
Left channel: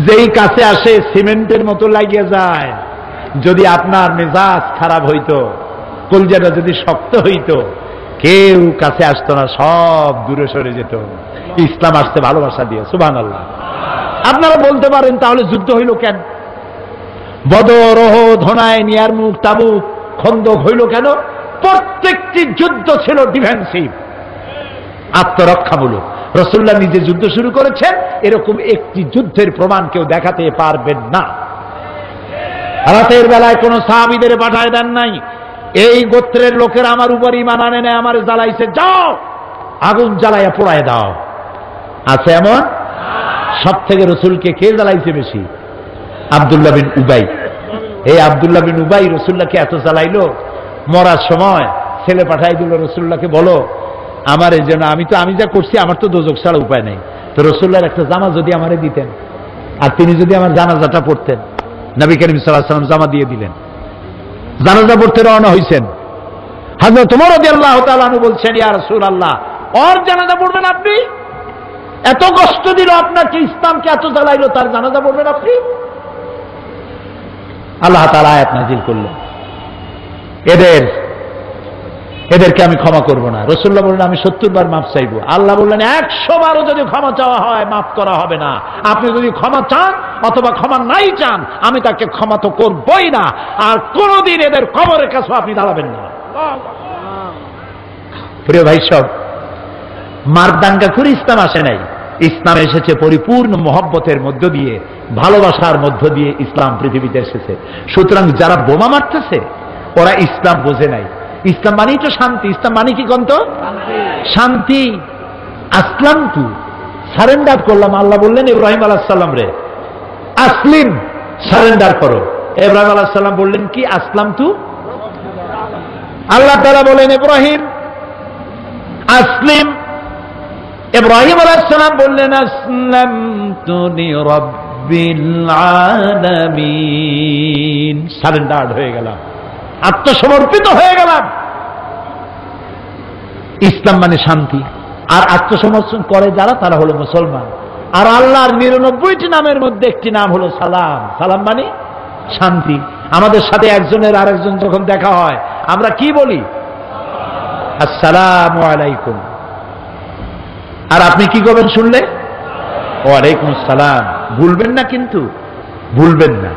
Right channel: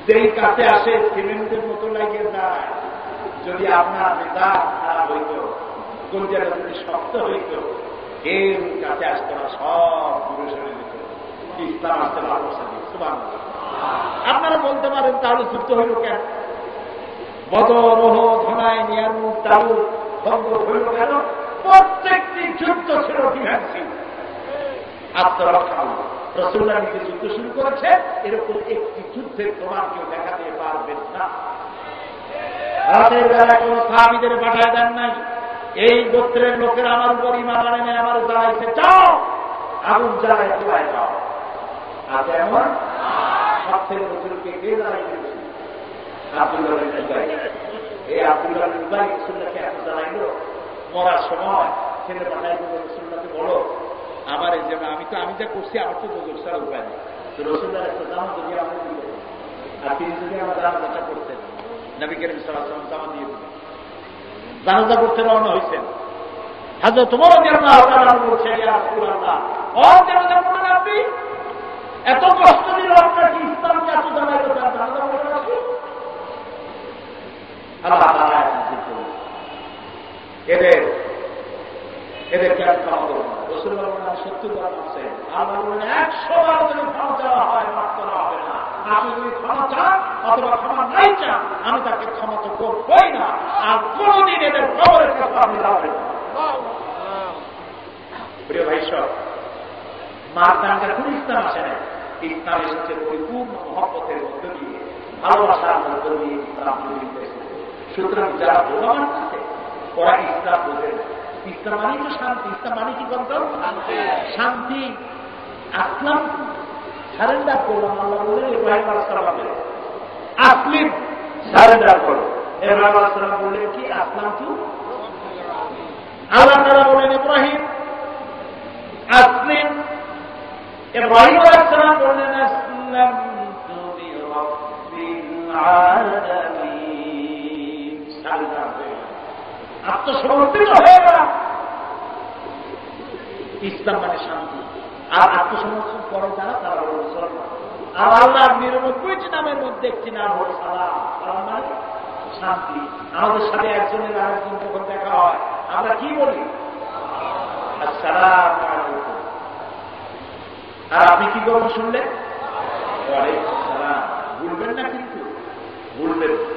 যেই কাছে আসে সিমেন্টের মতো লাগিয়ে যায়। যদি আপনার মেজাজ খারাপ হইতো, কলজাটা যদি শক্ত হইতো, কেউ কাছে আসতো না, সব দূরে সরে যেত। ইসলাম আসতে ভালোবাসা দিয়ে। সুবহানাল্লাহ। আপনারা বলতে পারেন তাহলে যুদ্ধ হইল কেন? বদর, ওহদ, হুনাইন, ইয়ারমুক, তাবুক, খন্দক হইল কেন? প্রত্যেকটি যুদ্ধ ছিল ডিফেন্সিভ, আত্মরক্ষামূলক। রাসূলুল্লাহ নিজে যুদ্ধ শুরু করেছেন, এরকম একটি যুদ্ধের প্রমাণ কেউ দেখাতে পারবেন না। রাতের বেলায় কোন সাহাবীদের পাঠায় দেন নাই, এই গোত্রের লোকেরা আমার উপর ঈমান আনে না, আমার জ্বালাইছে, যাও আগুন জ্বালাইয়া পোড়ায় দাও। আছে এমন? সব থেকে রসুলকে কে জ্বালাইছে বেশি? আব্দুল্লাহ বিন উবাই। এই আব্দুল্লাহ বিন উবাই রসুল্লাহকে এত জ্বালাইলো, মরার সময় ছেলে পাঠাই দিল রসুল্লাহকে, বলো আমার এই জন্য, আমি যা করছি আমার তো দোজক ছাড়া উপায় নেই, তো রসুল্লাহর একটা জামা যদি আমারে দিতেন, আর তিনি যদি আমার জানাজাটা পড়তেন। নবী করিম সাল্লাল্লাহু আলাইহি ওয়াসাল্লাম জামা দিয়ে দিলেন, জানাজা পড়তে রওনা হয়েছেন। হযরত ওমর রাদিয়াল্লাহু তাআলা আনহু বলছেন, ইয়া রাসূলুল্লাহ, ওর জানাজা পড়বেন আপনি? এত কষ্ট দিল আপনাকে, ইসলামকে এত জ্বালাইলো, তার জানাজা পড়বেন আপনি? আল্লাহ তাআলা আয়াত নাযিল করলেন, এদেরকে আমি ক্ষমা করব না। রাসূলুল্লাহ বললেন, আমি 70 বার মাফ চাইব। আল্লাহ বললেন, 100 বারও যদি ক্ষমা চাওয়া হয় মাফ করা হবে না। আপনি যদি ক্ষমা চান অথবা ক্ষমা নাই চান, আমি তাকে ক্ষমা তো করবই না, আর কোনদিন এদের কবরের কাছে আপনি দাঁড়াবেন না। প্রিয় ভাই সব, মারদাঙ্গা করে ইসলাম আসে নাই। ইসলাম এসেছে পরিপূর্ণ মহব্বতের মধ্য দিয়ে, ভালোবাসার মধ্য দিয়ে ইসলাম পৃথিবীতে এসেছে। সুতরাং যারা বোমা মারতেছে ওরা ইসলাম বোঝে নাই। ইসলাম মানেই তো শান্তি। ইসলাম মানে কি কন্ত? শান্তি। আসলাম তু, সারেন্ডার করলাম। আল্লাহ বললেন ইব্রাহিম আলাইহিস সালাম রে, আসলিম, সারেন্ডার করো। ইব্রাহিম আলাইহিস সালাম বললেন কি? আসলাম তু। আল্লাহ তাআলা বলেন ইব্রাহিম আসলিম। ইব্রাহিম আলাইহিস সালাম বললেন আসলামতু লিরাব্বিল আলামিন, সারেন্ডার হয়ে গেলাম, আত্মসমর্পিত হয়ে গেলাম। ইসলাম মানে শান্তি। আর আত্মসমর্পণ করে যারা, তারা হলো মুসলমান। আর আল্লাহর 99টি নামের মধ্যে একটি নাম হলো সালাম। সালাম মানে শান্তি। আমাদের সাথে একজনের আরেকজন যখন দেখা হয় আমরা কি বলি? আসসালামু আলাইকুম। আর আপনি কি করবেন শুনলে? ওয়ালাইকুম আসসালাম। ভুলবেন না, কিন্তু ভুলবেন না।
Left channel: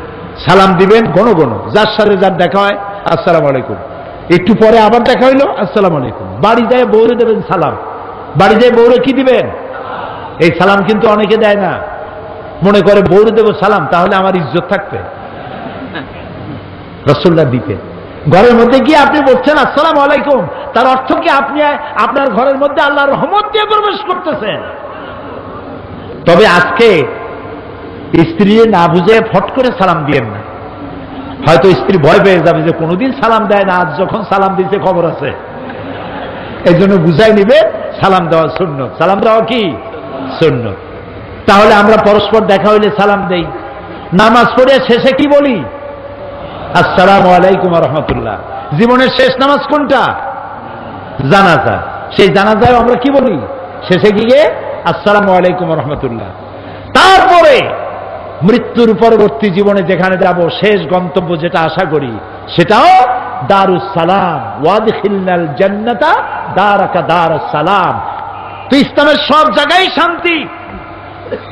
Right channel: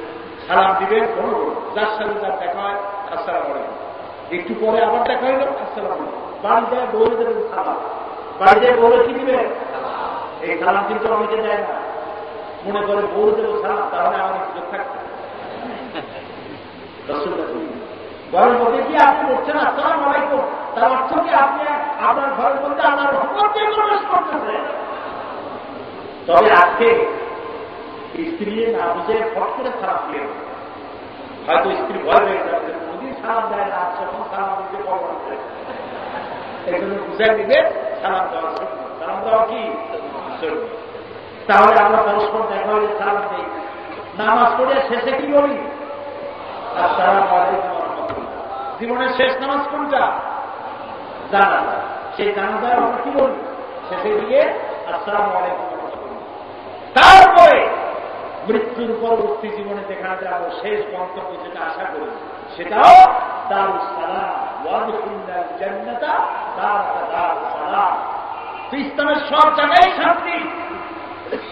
সালাম দিবেন ঘন ঘন, যার সাথে যার দেখা হয় আসসালামু আলাইকুম। একটু পরে আবার দেখা হইলো আসসালামু আলাইকুম। বাড়ি যায় বউরে দেবেন সালাম। বাড়ি যায় বউরে কি দিবেন? এই সালাম কিন্তু অনেকে দেয় না, মনে করে বউরে দেব সালাম, তাহলে আমার ইজ্জত থাকবে। রাসূলুল্লাহ দিতেন। ঘরের মধ্যে গিয়ে আপনি বলছেন আসসালামু আলাইকুম, তার অর্থ কি আপনি আপনার ঘরের মধ্যে আল্লাহর রহমত দিয়ে প্রবেশ করতেছেন। তবে আজকে স্ত্রী না বুঝে ফট করে সালাম দিয়েন না। হয়তো স্ত্রী ভয় পেয়ে যাবে যে কোনোদিন সালাম দেয় না, আজ যখন সালাম দিতে খবর আছে, এই জন্য বুঝাই নিবে সালাম দেওয়া সুন্নত। সালাম দেওয়া কি সুন্নত। তাহলে আমরা পরস্পর দেখা হইলে সালাম দেই। নামাজ পড়ে শেষে কি বলি? আসসালামু আলাইকুম ওয়া রাহমাতুল্লাহ। জীবনের শেষ নামাজ কোনটা? জানাজা। সেই জানাজায় আমরা কি বলি? শেষে গিয়ে আসসালামু আলাইকুম ওয়া রাহমাতুল্লাহ। তারপরে মৃত্যুর পরবর্তী জীবনে যেখানে যাব, শেষ গন্তব্য যেটা আশা করি, সেটাও দারুস সালাম। ওয়াদখিলনাল জান্নাতা দারাকা দারুস সালাম। তো ইসলামের সব জায়গায় শান্তি।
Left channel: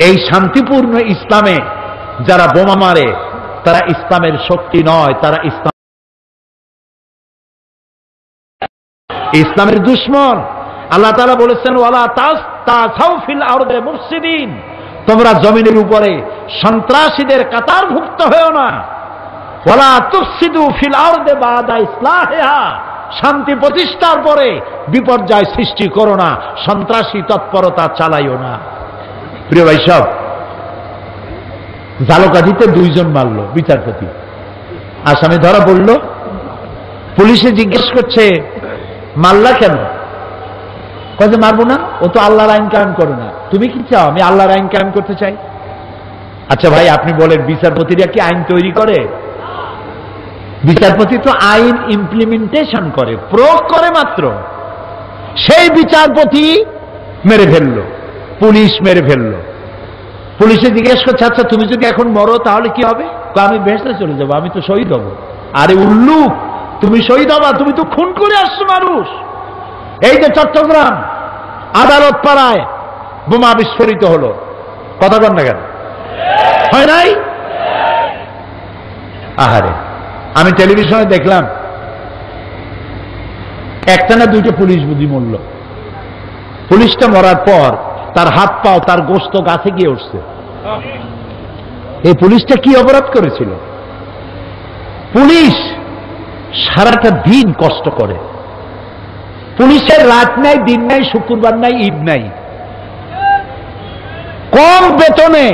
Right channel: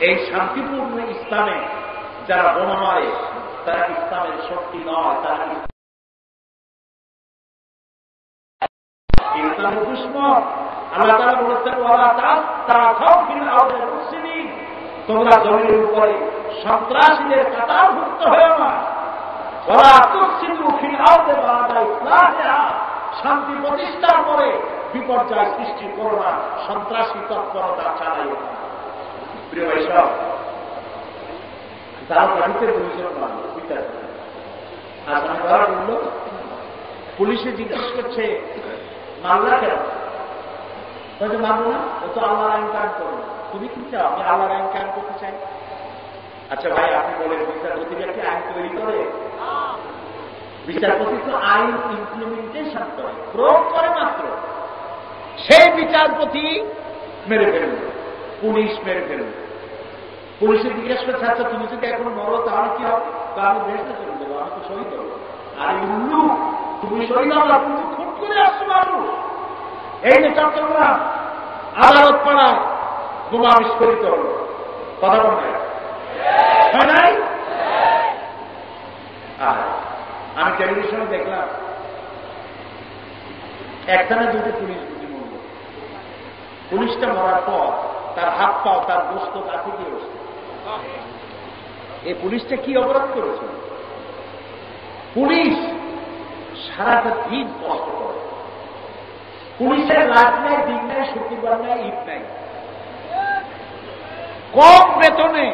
এই শান্তিপূর্ণ ইসলামে যারা বোমা মারে তারা ইসলামের শক্তি নয়, তারা ইসলামের দুশমন। আল্লাহ তাআলা বলেছেন ওয়ালা তাসাউ ফিল আরদি মুফসিদিন, তোমরা জমিনের উপরে সন্ত্রাসীদের কাতারভুক্ত হও না। ওয়ালা তুফসিদু ফিল আরদি বাদা ইসলাহিহা, শান্তি প্রতিষ্ঠার পরে বিপর্যয় সৃষ্টি করো না, সন্ত্রাসী তৎপরতা চালাইও না। প্রিয় ভাই সব, ঝালকাঠিতে 2 জন মারলো বিচারপতি, আসামি ধরা পড়ল। পুলিশে জিজ্ঞেস করছে মারলা কেন? কয়ে মারবো না, ও তো আল্লাহর আইন কায়েম করে না। তুমি কি চাও? আমি আল্লাহর আইন কায়েম করতে চাই। আচ্ছা ভাই, আপনি বলেন বিচারপতিরা কি আইন তৈরি করে? বিচারপতি তো আইন ইমপ্লিমেন্টেশন করে, প্রয়োগ করে মাত্র। সেই বিচারপতি মেরে ফেললো, পুলিশ মেরে ফেললো। পুলিশে জিজ্ঞেস করছে আচ্ছা তুমি যদি এখন মরো তাহলে কি হবে? আমি বেহেশতে চলে যাবো, আমি তো শহীদ হব। আরে উল্লুক, তুমি শহীদ হবা? তুমি তো খুন করে আসছো মানুষ। এই যে চট্টগ্রাম আদালত পাড়ায় বোমা বিস্ফোরিত হলো, কথা বল না কেন? হয় নাই? আহারে, আমি টেলিভিশনে দেখলাম একটা না 2টা পুলিশ বুঝি মরল। পুলিশটা মরার পর তার হাত পাও, তার গোশত গাছে গিয়ে উঠছে। এই পুলিশটা কি অপরাধ করেছিল? পুলিশ সারাটা দিন কষ্ট করে। পুলিশের রাত নাই, দিন নাই, শুক্রবার নাই, ঈদ নাই, কম বেতনে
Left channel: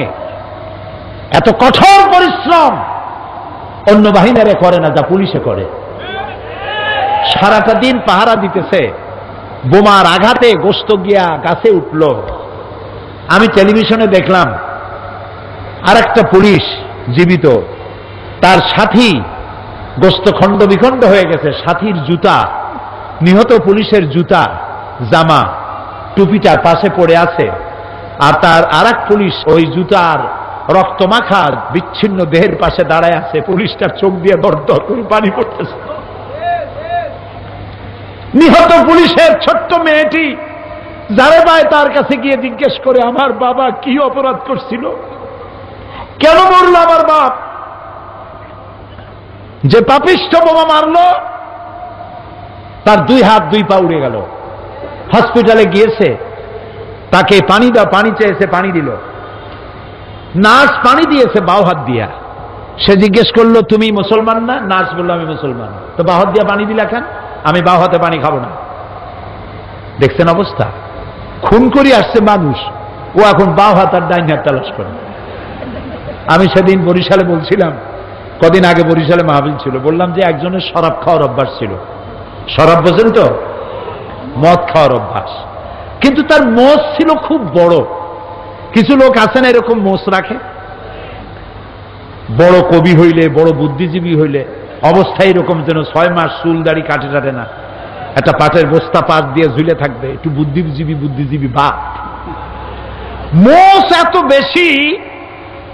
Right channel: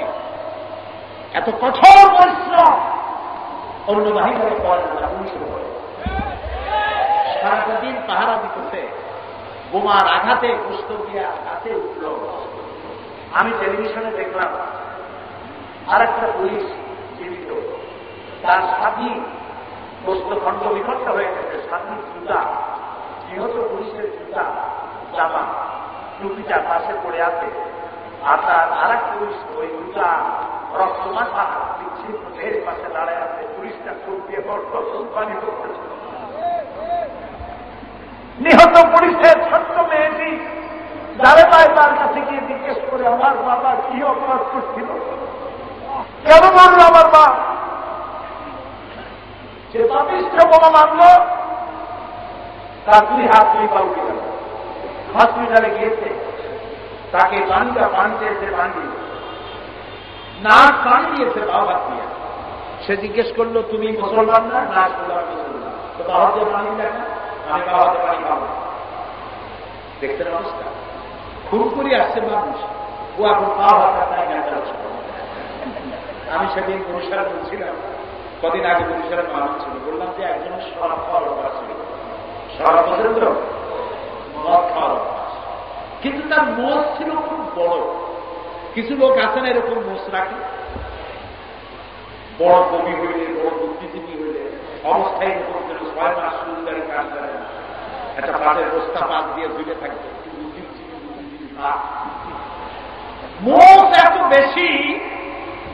এত কঠোর পরিশ্রম অন্য বাহিনীরা করে না যা পুলিশে করে। সারাটা দিন পাহারা দিতেছে, বোমার আঘাতে গোস্ত গিয়া গাছে উঠল। আমি টেলিভিশনে দেখলাম আর একটা পুলিশ জীবিত, তার সাথী গোস্ত খণ্ড বিখণ্ড হয়ে গেছে, সাথীর জুতা, নিহত পুলিশের জুতা, জামা, টুপিটার পাশে পড়ে আছে, আর তার আর এক পুলিশ ওই জুতার রক্তমাখা বিচ্ছিন্ন দেহের পাশে দাঁড়ায় আছে। পুলিশটার চোখ দিয়ে দর দর করে পানি পড়তেছে। নিহত পুলিশের ছোট্ট মেয়েটি যারে ভাই তার কাছে গিয়ে জিজ্ঞেস করে, আমার বাবা কি অপরাধ করছিল, কেন বলল আমার বাপ, যে পাপিষ্ঠ বোমা মারল তার 2 হাত 2 পা উড়ে গেল। হসপিটালে গিয়েছে, তাকে পানি দাও, পানি চেয়েছে, পানি দিল। নার্স পানি দিয়েছে বাও হাত দিয়া। সে জিজ্ঞেস করলো, তুমি মুসলমান না? নার্স বললো, আমি মুসলমান। তো বাও হাত দিয়া পানি দিলা কেন? আমি বাও হাতে পানি খাবো না। দেখছেন অবস্থা? খুন করে আসছে মানুষ, ও এখন বাও হাত আর ডাইন হাত তালাশ করে। আমি সেদিন বরিশালে বলছিলাম, কদিন আগে বরিশালে মাহফিল ছিল, বললাম যে একজনের শরাব খাওয়ার অভ্যাস ছিল। শরাব বোঝেন তো? মদ খাওয়ার অভ্যাস, কিন্তু তার মোষ ছিল খুব বড়। কিছু লোক আছেন এরকম মোষ রাখে, বড় কবি হইলে, বড় বুদ্ধিজীবী হইলে অবস্থায় এরকম যেন 6 মাস চুল দাড়ি কাটে কাটে না, একটা পাটের বস্তা পাশ দিয়ে ঝুলে থাকবে, একটু বুদ্ধিজীবী ভাব। মোষ এত বেশি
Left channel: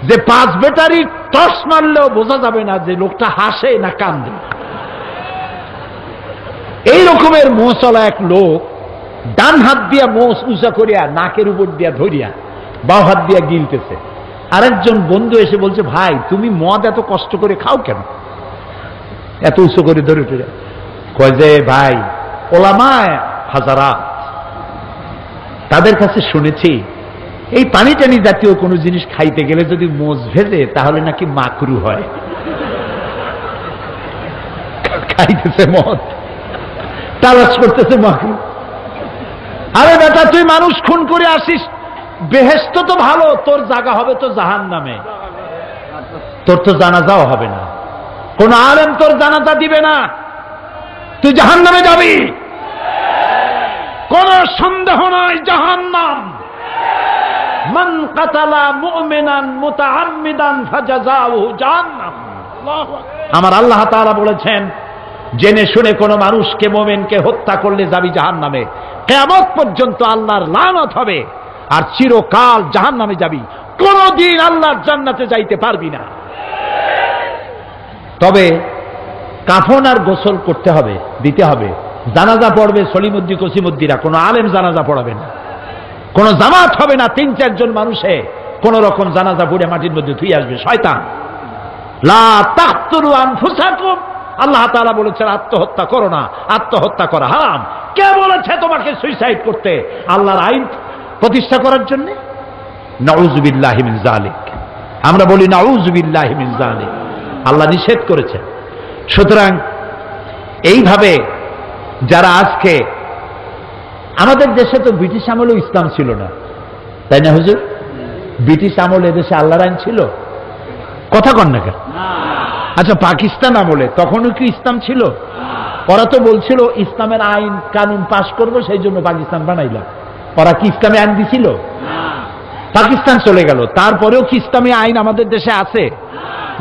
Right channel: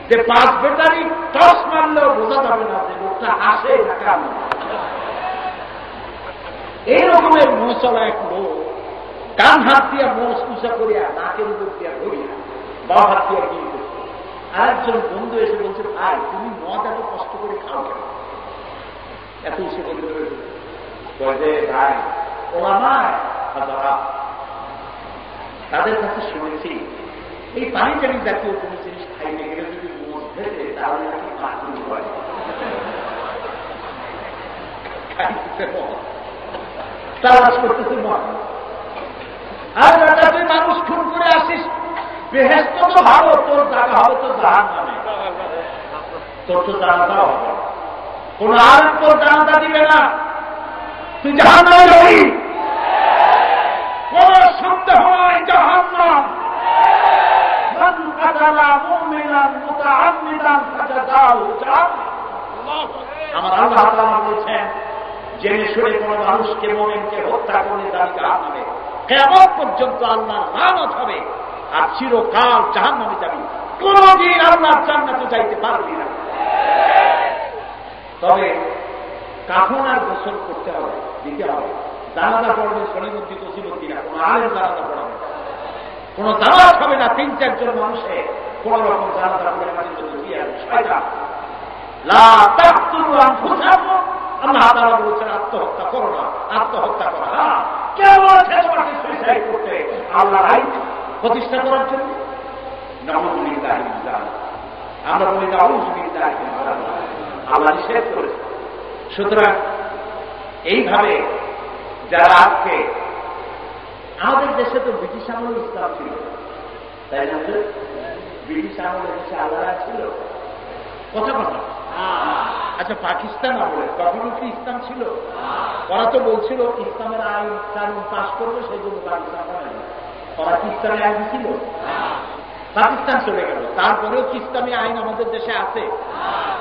যে 5 ব্যাটারি টর্চ মারলেও বোঝা যাবে না যে লোকটা হাসে না কান্দে। এই রকমের মোষওয়ালা এক লোক ডান হাত দিয়া মোষ উঁচা করিয়া নাকের উপর দিয়া ধরিয়া বাঁ হাত দিয়া গিলতেছে। আরেকজন বন্ধু এসে বলছে, ভাই তুমি মদ এত কষ্ট করে খাও কেন, এত উঁচু করে ধরে ধরে? কয় যে ভাই, ওলামায়ে হাজারাত, তাদের কাছে শুনেছি এই পানি টানি জাতীয় কোনো জিনিস খাইতে গেলে যদি মোষ ভেজে তাহলে নাকি মাকরু হয়। খাইতেছে মদ, তালাশ করতেছে মাকরু। আরে বেটা, তুই মানুষ খুন করে আসিস, বেহেশত তো ভালো, তোর জায়গা হবে তো জাহান্নামে, তোর তো জানাজাও হবে না, কোন আলেম তোর জানাজা দিবে না, তুই জাহান্নামে যাবি, কোন সন্দেহ নাই, জাহান্নাম। মান কাতালা মুমিনান মুতাআম্মিদান ফাজাযাউহু জাহান্নাম। আমার আল্লাহ তাআলা বলেছেন, জেনে শুনে কোন মানুষকে, মুমিনকে হত্যা করলে যাবি জাহান্নামে, কিয়ামত পর্যন্ত আল্লাহর লানত হবে, আর চিরকাল জাহান্নামে যাবি, কোনদিন আল্লাহর জান্নাতে যাইতে পারবি না। তবে কাফন আর গোসল করতে হবে, দিতে হবে। জানাজা পড়বে সলিমুদ্দি কসিমুদ্দিরা, কোন আলেম জানাজা পড়াবে না, কোন জামাত হবে না। 3-4 জন মানুষে কোন রকম জানাজা পড়ে মাটির মধ্যে ধুয়ে আসবে, শয়তান। লা তাকতুলু আনফুসাকুম, আল্লাহ তাআলা বলেছেন আত্মহত্যা করো না, আত্মহত্যা করা হারাম। কে বলেছে তোমাকে সুইসাইড করতে? আল্লাহর আইন প্রতিষ্ঠা করার জন্য। নাউযুবিল্লাহি মিন যালিক, আমরা বলি নাউযুবিল্লাহি মিন যালিক, আল্লাহ নিষেধ করেছেন। সুতরাং এইভাবে যারা আজকে, আমাদের দেশে তো ব্রিটিশ আমলেও ইসলাম ছিল না, তাই না হুজুর? ব্রিটিশ আমলে দেশে আল্লাহর আইন ছিল? কথা কন না কেন? আচ্ছা, পাকিস্তান আমলে তখনও কি ইসলাম ছিল? ওরা তো বলছিল ইসলামের আইন কানুন পাশ করবো, সেই জন্য পাকিস্তান বানাইলাম। ওরা কি ইসলামী আইন দিছিল? পাকিস্তান চলে গেল, তারপরেও কি ইসলামী আইন আমাদের দেশে আছে?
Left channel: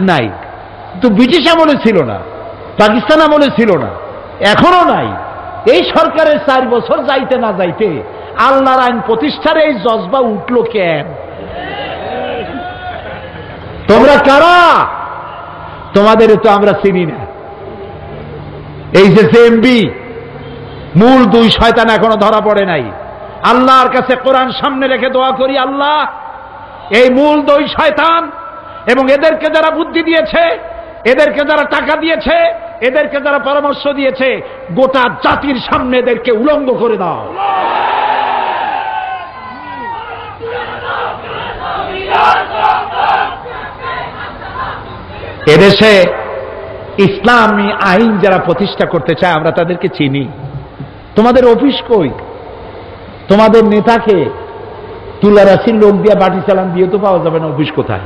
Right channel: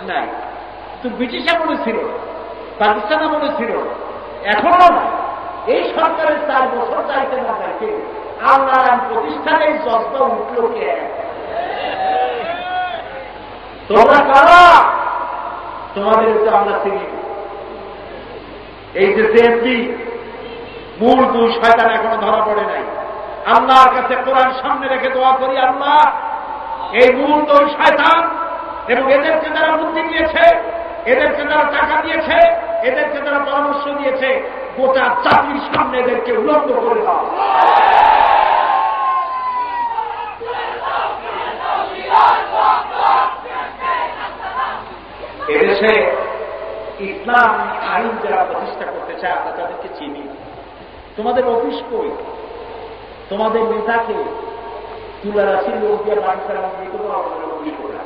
নাই। তো ব্রিটিশ আমলে ছিল না, পাকিস্তান আমলে ছিল না, এখনো নাই। এই সরকারের 4 বছর যাইতে না যাইতে আল্লাহর আইন প্রতিষ্ঠার এই জজবা উঠলো কেন? তোমরা কারা? তোমাদের তো আমরা চিনি না। এই যে জেএমবি, মূল 2 শয়তান এখনো ধরা পড়ে নাই। আল্লাহর কাছে কোরআন সামনে রেখে দোয়া করি, আল্লাহ এই মূল 2 শয়তান এবং এদেরকে যারা বুদ্ধি দিয়েছে, এদেরকে যারা টাকা দিয়েছে, এদেরকে যারা পরামর্শ দিয়েছে, গোটা জাতির সামনে এদেরকে উলঙ্গ করে দাও। এদেশে ইসলামী আইন যারা প্রতিষ্ঠা করতে চায় আমরা তাদেরকে চিনি। তোমাদের অফিস কই? তোমাদের নেতাকে তুলারাশির লোক দিয়ে বাটি চালান দিয়ে তো পাওয়া যাবে না, অফিস কোথায়?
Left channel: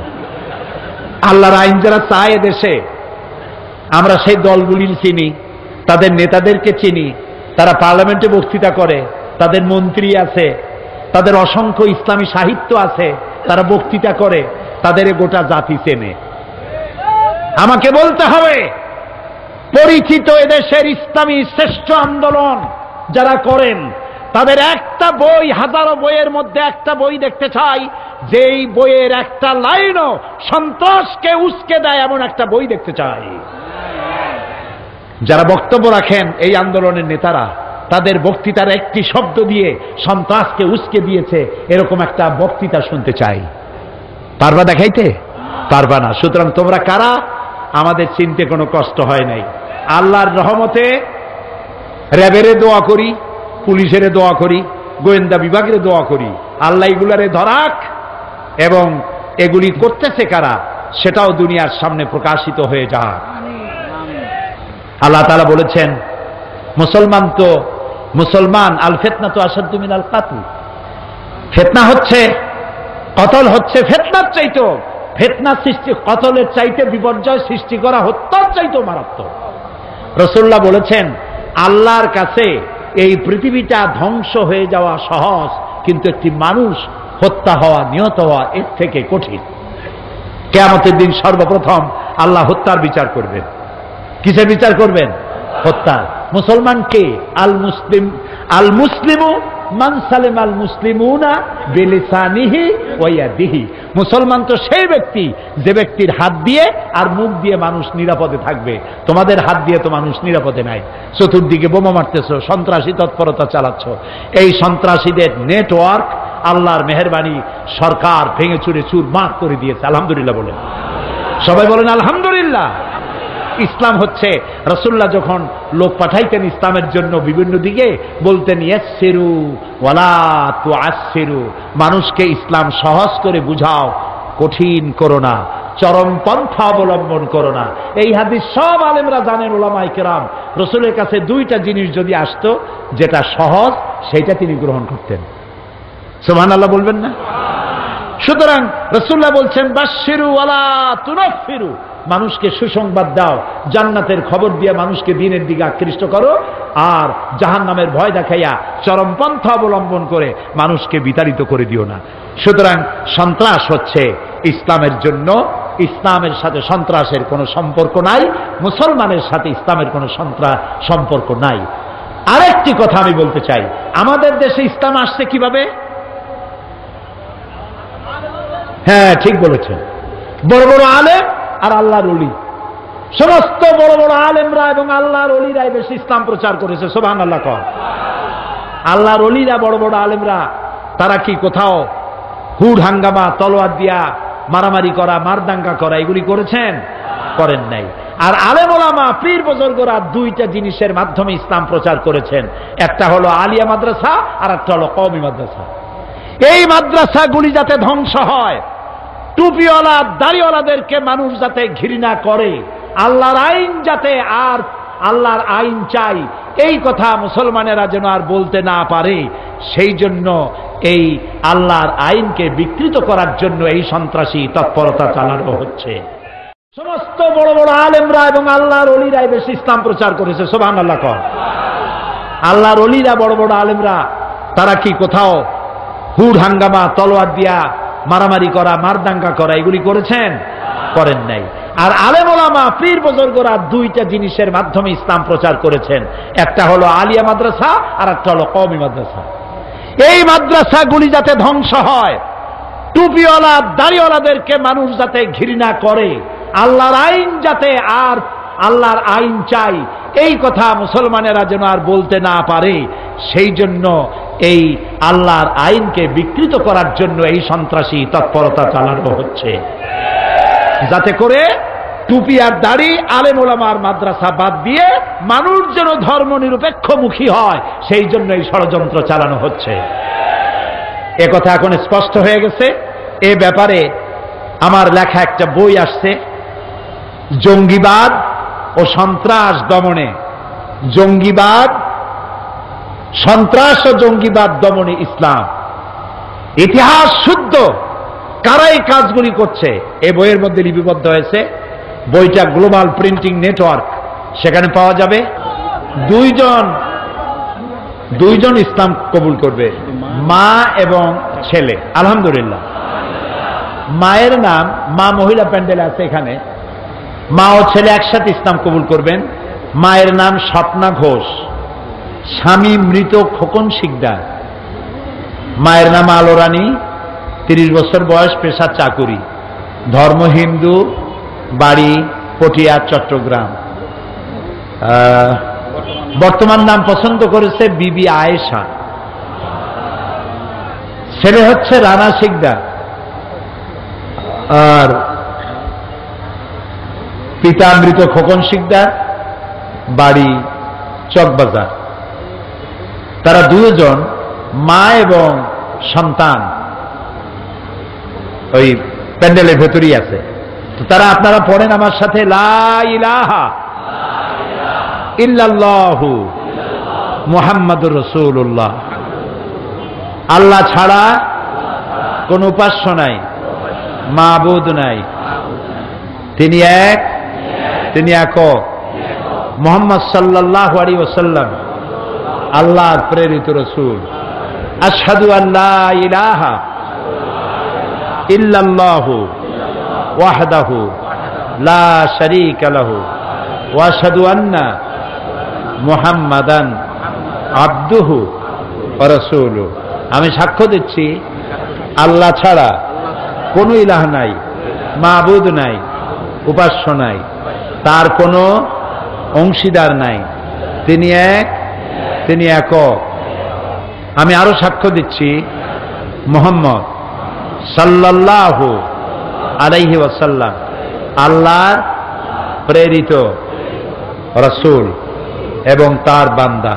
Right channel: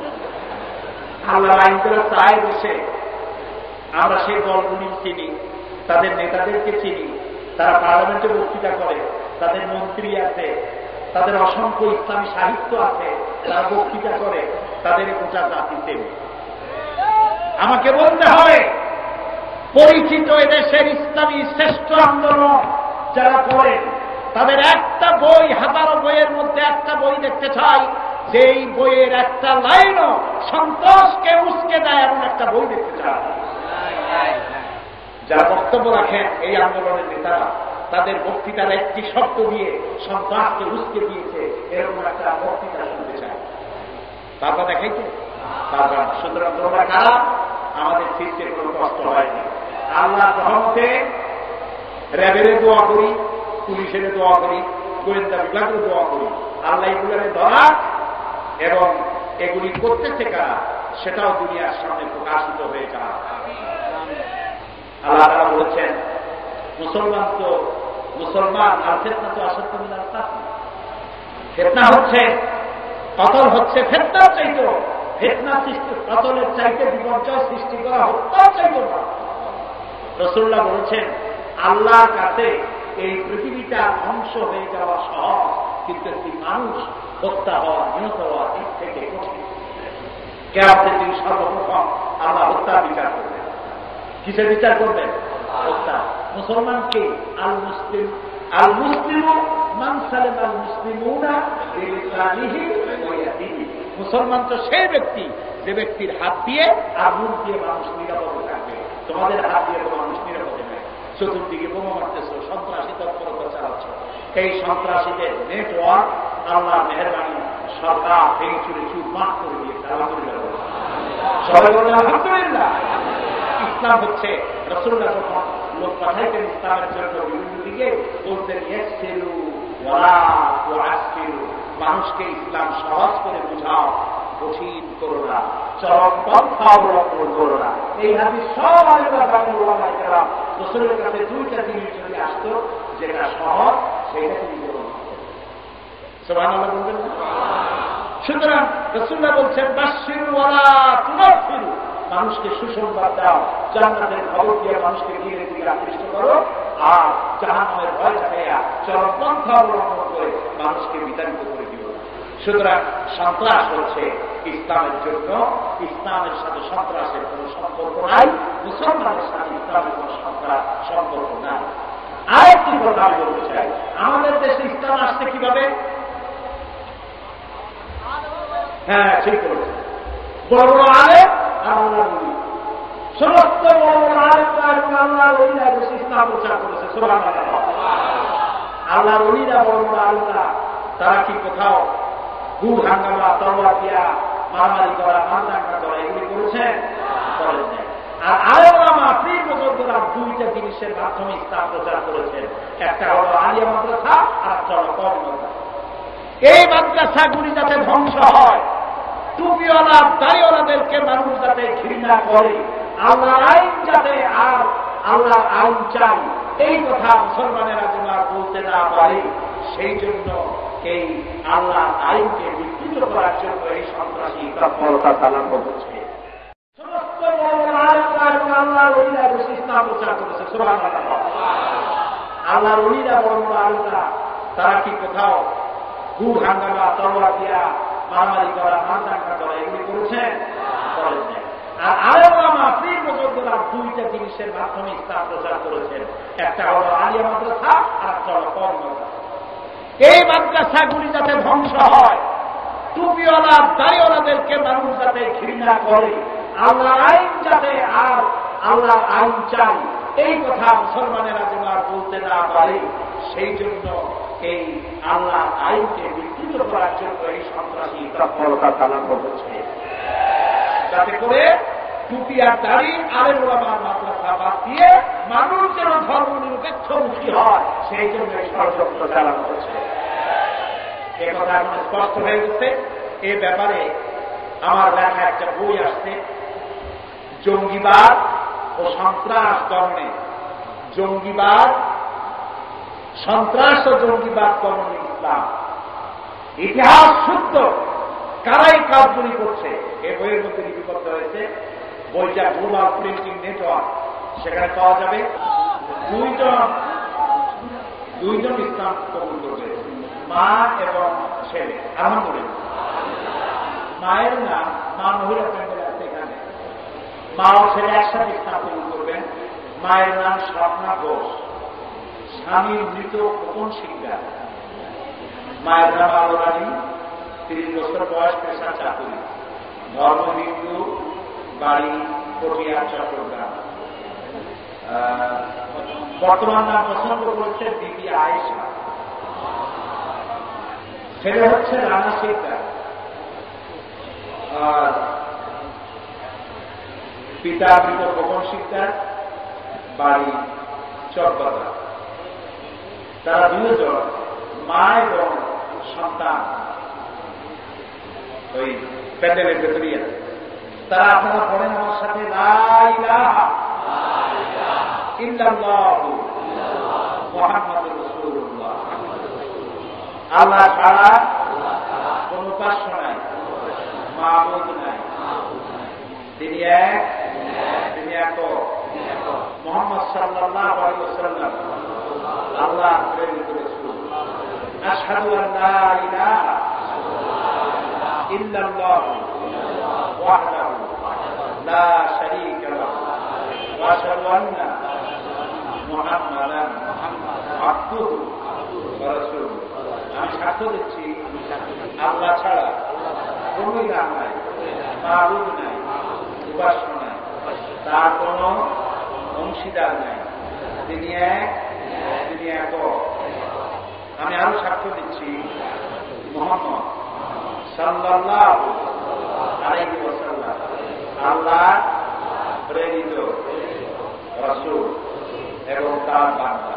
আল্লাহর আইন যারা চায় দেশে, আমরা সেই দলগুলির চিনি, তাদের নেতাদেরকে চিনি, তারা পার্লামেন্টে বক্তৃতা করে, তাদের মন্ত্রী আছে, তাদের অসংখ্য ইসলামী সাহিত্য আছে, তারা বক্তৃতা করে, তাদের গোটা জাতি চেনে। আমাকে বলতে হবে পরিচিত এদেশের ইসলামী শ্রেষ্ঠ আন্দোলন যারা করেন তাদের একটা বই, হাজারো বইয়ের মধ্যে একটা বই দেখতে চাই যেই বইয়ের একটা লাইনও সন্ত্রাসকে উস্কে দেয় এমন একটা বই দেখতে চাই। যারা বক্তব্য রাখেন এই আন্দোলনের নেতারা, তাদের বক্তৃতার একটি শব্দ দিয়ে সন্ত্রাসকে উস্কে দিয়েছে এরকম একটা বক্তৃতা শুনতে চাই। পারবা দেখাইতে? পারবা না। সুতরাং তোমরা কারা? আমাদের চিনতে কোনো কষ্ট হয় নাই। আল্লাহর রহমতে র্যাবেরে দোয়া করি, পুলিশের দোয়া করি, গোয়েন্দা বিভাগের দোয়া করি, আল্লাহ এগুলারে ধরাক এবং এগুলি করতেছে কারা সেটাও দুনিয়ার সামনে প্রকাশিত হয়ে যাক। আল্লাহ তাআলা বলেছেন মুসলমান আল ফিতনা তো আসাদ্দু মিনাল কাতল, ফিতনা হচ্ছে, কতল হচ্ছে ফিতনার চাইতে, ফিতনা সৃষ্টি কতলের চাইতে বিপর্যয় সৃষ্টি করা হত্যার চাইতে মারাত্মক। রাসূলুল্লাহ বলেছেন আল্লাহর কাছে এই পৃথিবীটা ধ্বংস হয়ে যাওয়া সহজ, কিন্তু একটি মানুষ হত্যা হওয়া, নিহত হওয়া এর থেকে কঠিন। কিয়ামতের দিন সর্বপ্রথম আল্লাহ হত্যার বিচার করবেন। কিসের বিচার করবেন? হত্যা। মুসলমান কে? আল মুসলিমু মান সালেম আল মুসলিমুনা বিলিসানিহি ওয়া ইয়াদিহি। মুসলমান তো সেই ব্যক্তি যে ব্যক্তির হাত দিয়ে আর মুখ দিয়ে মানুষ নিরাপদে থাকবে। তোমাদের হাত দিয়ে তো মানুষ নিরাপদে নাই। চতুর্দিকে বোমা মারতেছ, সন্ত্রাসী তৎপরতা চালাচ্ছ। এই সন্ত্রাসীদের নেটওয়ার্ক আল্লাহর মেহেরবানি সরকার ভেঙে চুরে চুরমার করে দিয়েছে। আলহামদুলিল্লাহ বলেন, সবাই বলেন আলহামদুলিল্লাহ। ইসলাম হচ্ছে, রাসূলুল্লাহ যখন লোক পাঠাইতেন ইসলামের জন্য বিভিন্ন দিকে বলতেন ইয়াসসিরু ওয়ালা তুআসসিরু, মানুষকে ইসলাম সহজ করে বুঝাও, কঠিন করো না, চরম পন্থা অবলম্বন করো না। এই হাদিস সব আলেমরা জানেন, উলামায়ে কেরাম। রাসূলের কাছে দুইটা জিনিস যদি আসতো, যেটা সহজ সেটা তিনি গ্রহণ করতেন। সুবহানাল্লাহ বলবেন না? সুতরাং রাসূলুল্লাহ বলছেন বাশশিরু ওয়ালা তুনাফিরু, মানুষকে সুসংবাদ দাও, জান্নাতের খবর দিয়ে মানুষকে দ্বীনের দিকে আকৃষ্ট করো, আর জাহান্নামের ভয় দেখাইয়া চরম পন্থা অবলম্বন করে মানুষকে বিতাড়িত করে দিও না। সুতরাং সন্ত্রাস হচ্ছে ইসলামের জন্য, ইসলামের সাথে সন্ত্রাসের কোনো সম্পর্ক নাই, মুসলমানের সাথে ইসলামের কোনো সম্পর্ক নাই। আরেকটি কথা আমি বলতে চাই, আমাদের দেশে ইসলাম আসছে কিভাবে? হ্যাঁ, ঠিক বলেছেন, বড় বড় আলেম আর আল্লাহর ওলি, সমস্ত বড় বড় আলেমরা এবং আল্লাহর ওলিরা বেশি ইসলাম প্রচার করেছে। সুবহানাল্লাহ কও। আল্লাহর ওলিরা, বড় বড় আলেমরা, তারা কি কোথাও হুড হাঙ্গামা, তলোয়ার দিয়া মারামারি করা, মারদাঙ্গা করা এগুলি করেছেন? করেন নাই। আর আলেম ওলামা, পীর বুজুর্গরা দুইটা জিনিসের মাধ্যমে ইসলাম প্রচার করেছেন। একটা হলো আলিয়া মাদ্রাসা আর একটা হলো কওমি মাদ্রাসা। এই মাদ্রাসাগুলি যাতে ধ্বংস হয়, টুপিওয়ালা দাড়িওয়ালাদেরকে মানুষ যাতে ঘৃণা করে, আল্লাহর আইন যাতে, আর আল্লাহর আইন চাই এই কথা মুসলমানেরা যেন আর বলতে না পারে, সেই জন্য এই আল্লাহর আইনকে বিকৃত করার জন্য এই সন্ত্রাসী তৎপরতা চালানো হচ্ছে। সমস্ত বড় বড় আলেমরা এবং আল্লাহর ওলিরাই বেশি ইসলাম প্রচার করেছে। সুবহানাল্লাহ কও। আল্লাহর ওলিরা, বড় বড় আলেমরা, তারা কি কোথাও হুড হাঙ্গামা, তলোয়ার দিয়া মারামারি করা, মারদাঙ্গা করা এগুলি করেছেন? করেন নাই। আর আলেম ওলামা, পীর বুজুর্গরা দুইটা জিনিসের মাধ্যমে ইসলাম প্রচার করেছেন। একটা হলো আলিয়া মাদ্রাসা আর একটা হলো কওমি মাদ্রাসা। এই মাদ্রাসাগুলি যাতে ধ্বংস হয়, টুপিওয়ালা দাড়িওয়ালাদেরকে মানুষ যাতে ঘৃণা করে, আল্লাহর আইন যাতে, আর আল্লাহর আইন চাই এই কথা মুসলমানেরা যেন আর বলতে না পারে, সেই জন্য এই আল্লাহর আইনকে বিকৃত করার জন্য এই সন্ত্রাসী তৎপরতা চালানো হচ্ছে, যাতে করে টুপি আর দাড়ি, আলেম ওলামার মাদ্রাসা বাদ দিয়ে মানুষ যেন ধর্ম নিরপেক্ষমুখী হয়, সেই জন্য এই ষড়যন্ত্র চালানো হচ্ছে। এ কথা এখন স্পষ্ট হয়ে গেছে। এ ব্যাপারে আমার লেখা একটা বই আসছে, জঙ্গিবাদ ও সন্ত্রাস দমনে, জঙ্গিবাদ, সন্ত্রাস ও জঙ্গিবাদ দমনে ইসলাম। ইতিহাস শুদ্ধ কারা এই কাজগুলি করছে এই বইয়ের মধ্যে লিপিবদ্ধ হয়েছে। বইটা গ্লোবাল প্রিন্টিং নেটওয়ার্ক, সেখানে পাওয়া যাবে। দুইজন ইসলাম কবুল করবে, মা এবং ছেলে। আলহামদুলিল্লাহ। মায়ের নাম, মা মহিলা প্যান্ডেল আছে এখানে, মা ও ছেলে একসাথে ইসলাম কবুল করবেন। মায়ের নাম স্বপ্না ঘোষ, স্বামী মৃত খোকন শিকদার। মায়ের নাম আলো রানী, 30 বছর বয়স, পেশা চাকুরি, ধর্ম হিন্দু, বাড়ি পটিয়া চট্টগ্রাম। বর্তমান নাম পছন্দ করেছে বিবি আয়েশা। ছেলে হচ্ছে রানা শিকদার, আর পিতা মৃত খোকন শিকদার, বাড়ি চকবাজার। তারা দুজন, মা এবং সন্তান, ওই প্যান্ডেলের ভেতরেই আছে। তো তারা আপনারা পড়েন আমার সাথে, লা ইলাহা ইল্লাল্লাহু মুহাম্মাদুর রাসূলুল্লাহ। আল্লাহ ছাড়া কোন উপাস্য নাই, মাবুদ নাই, তিনি এক, তিনি একক। মুহাম্মদ সাল্লাল্লাহু আলাইহি ওয়াসাল্লাম আল্লাহর প্রেরিত রাসূল। আশহাদু আল্লা ইলাহা ইল্লাল্লাহু ওয়াহদাহু লা শারীকা লাহু ওয়া আশহাদু আন্না মুহাম্মাদান আবদুহু ওয়া রাসূলুহু। আমি সাক্ষ্য দিচ্ছি আল্লাহ ছাড়া কোনো ইলাহ নাই, মাবুদ নাই, উপাস্য নাই, তার কোনো অংশীদার নাই, তিনি এক, তিনি একক। আমি আরো সাক্ষ্য দিচ্ছি মুহাম্মদ সাল্লাল্লাহু আলাইহি ওয়াসাল্লাম আল্লাহর প্রেরিত রাসূল এবং তার বান্দা।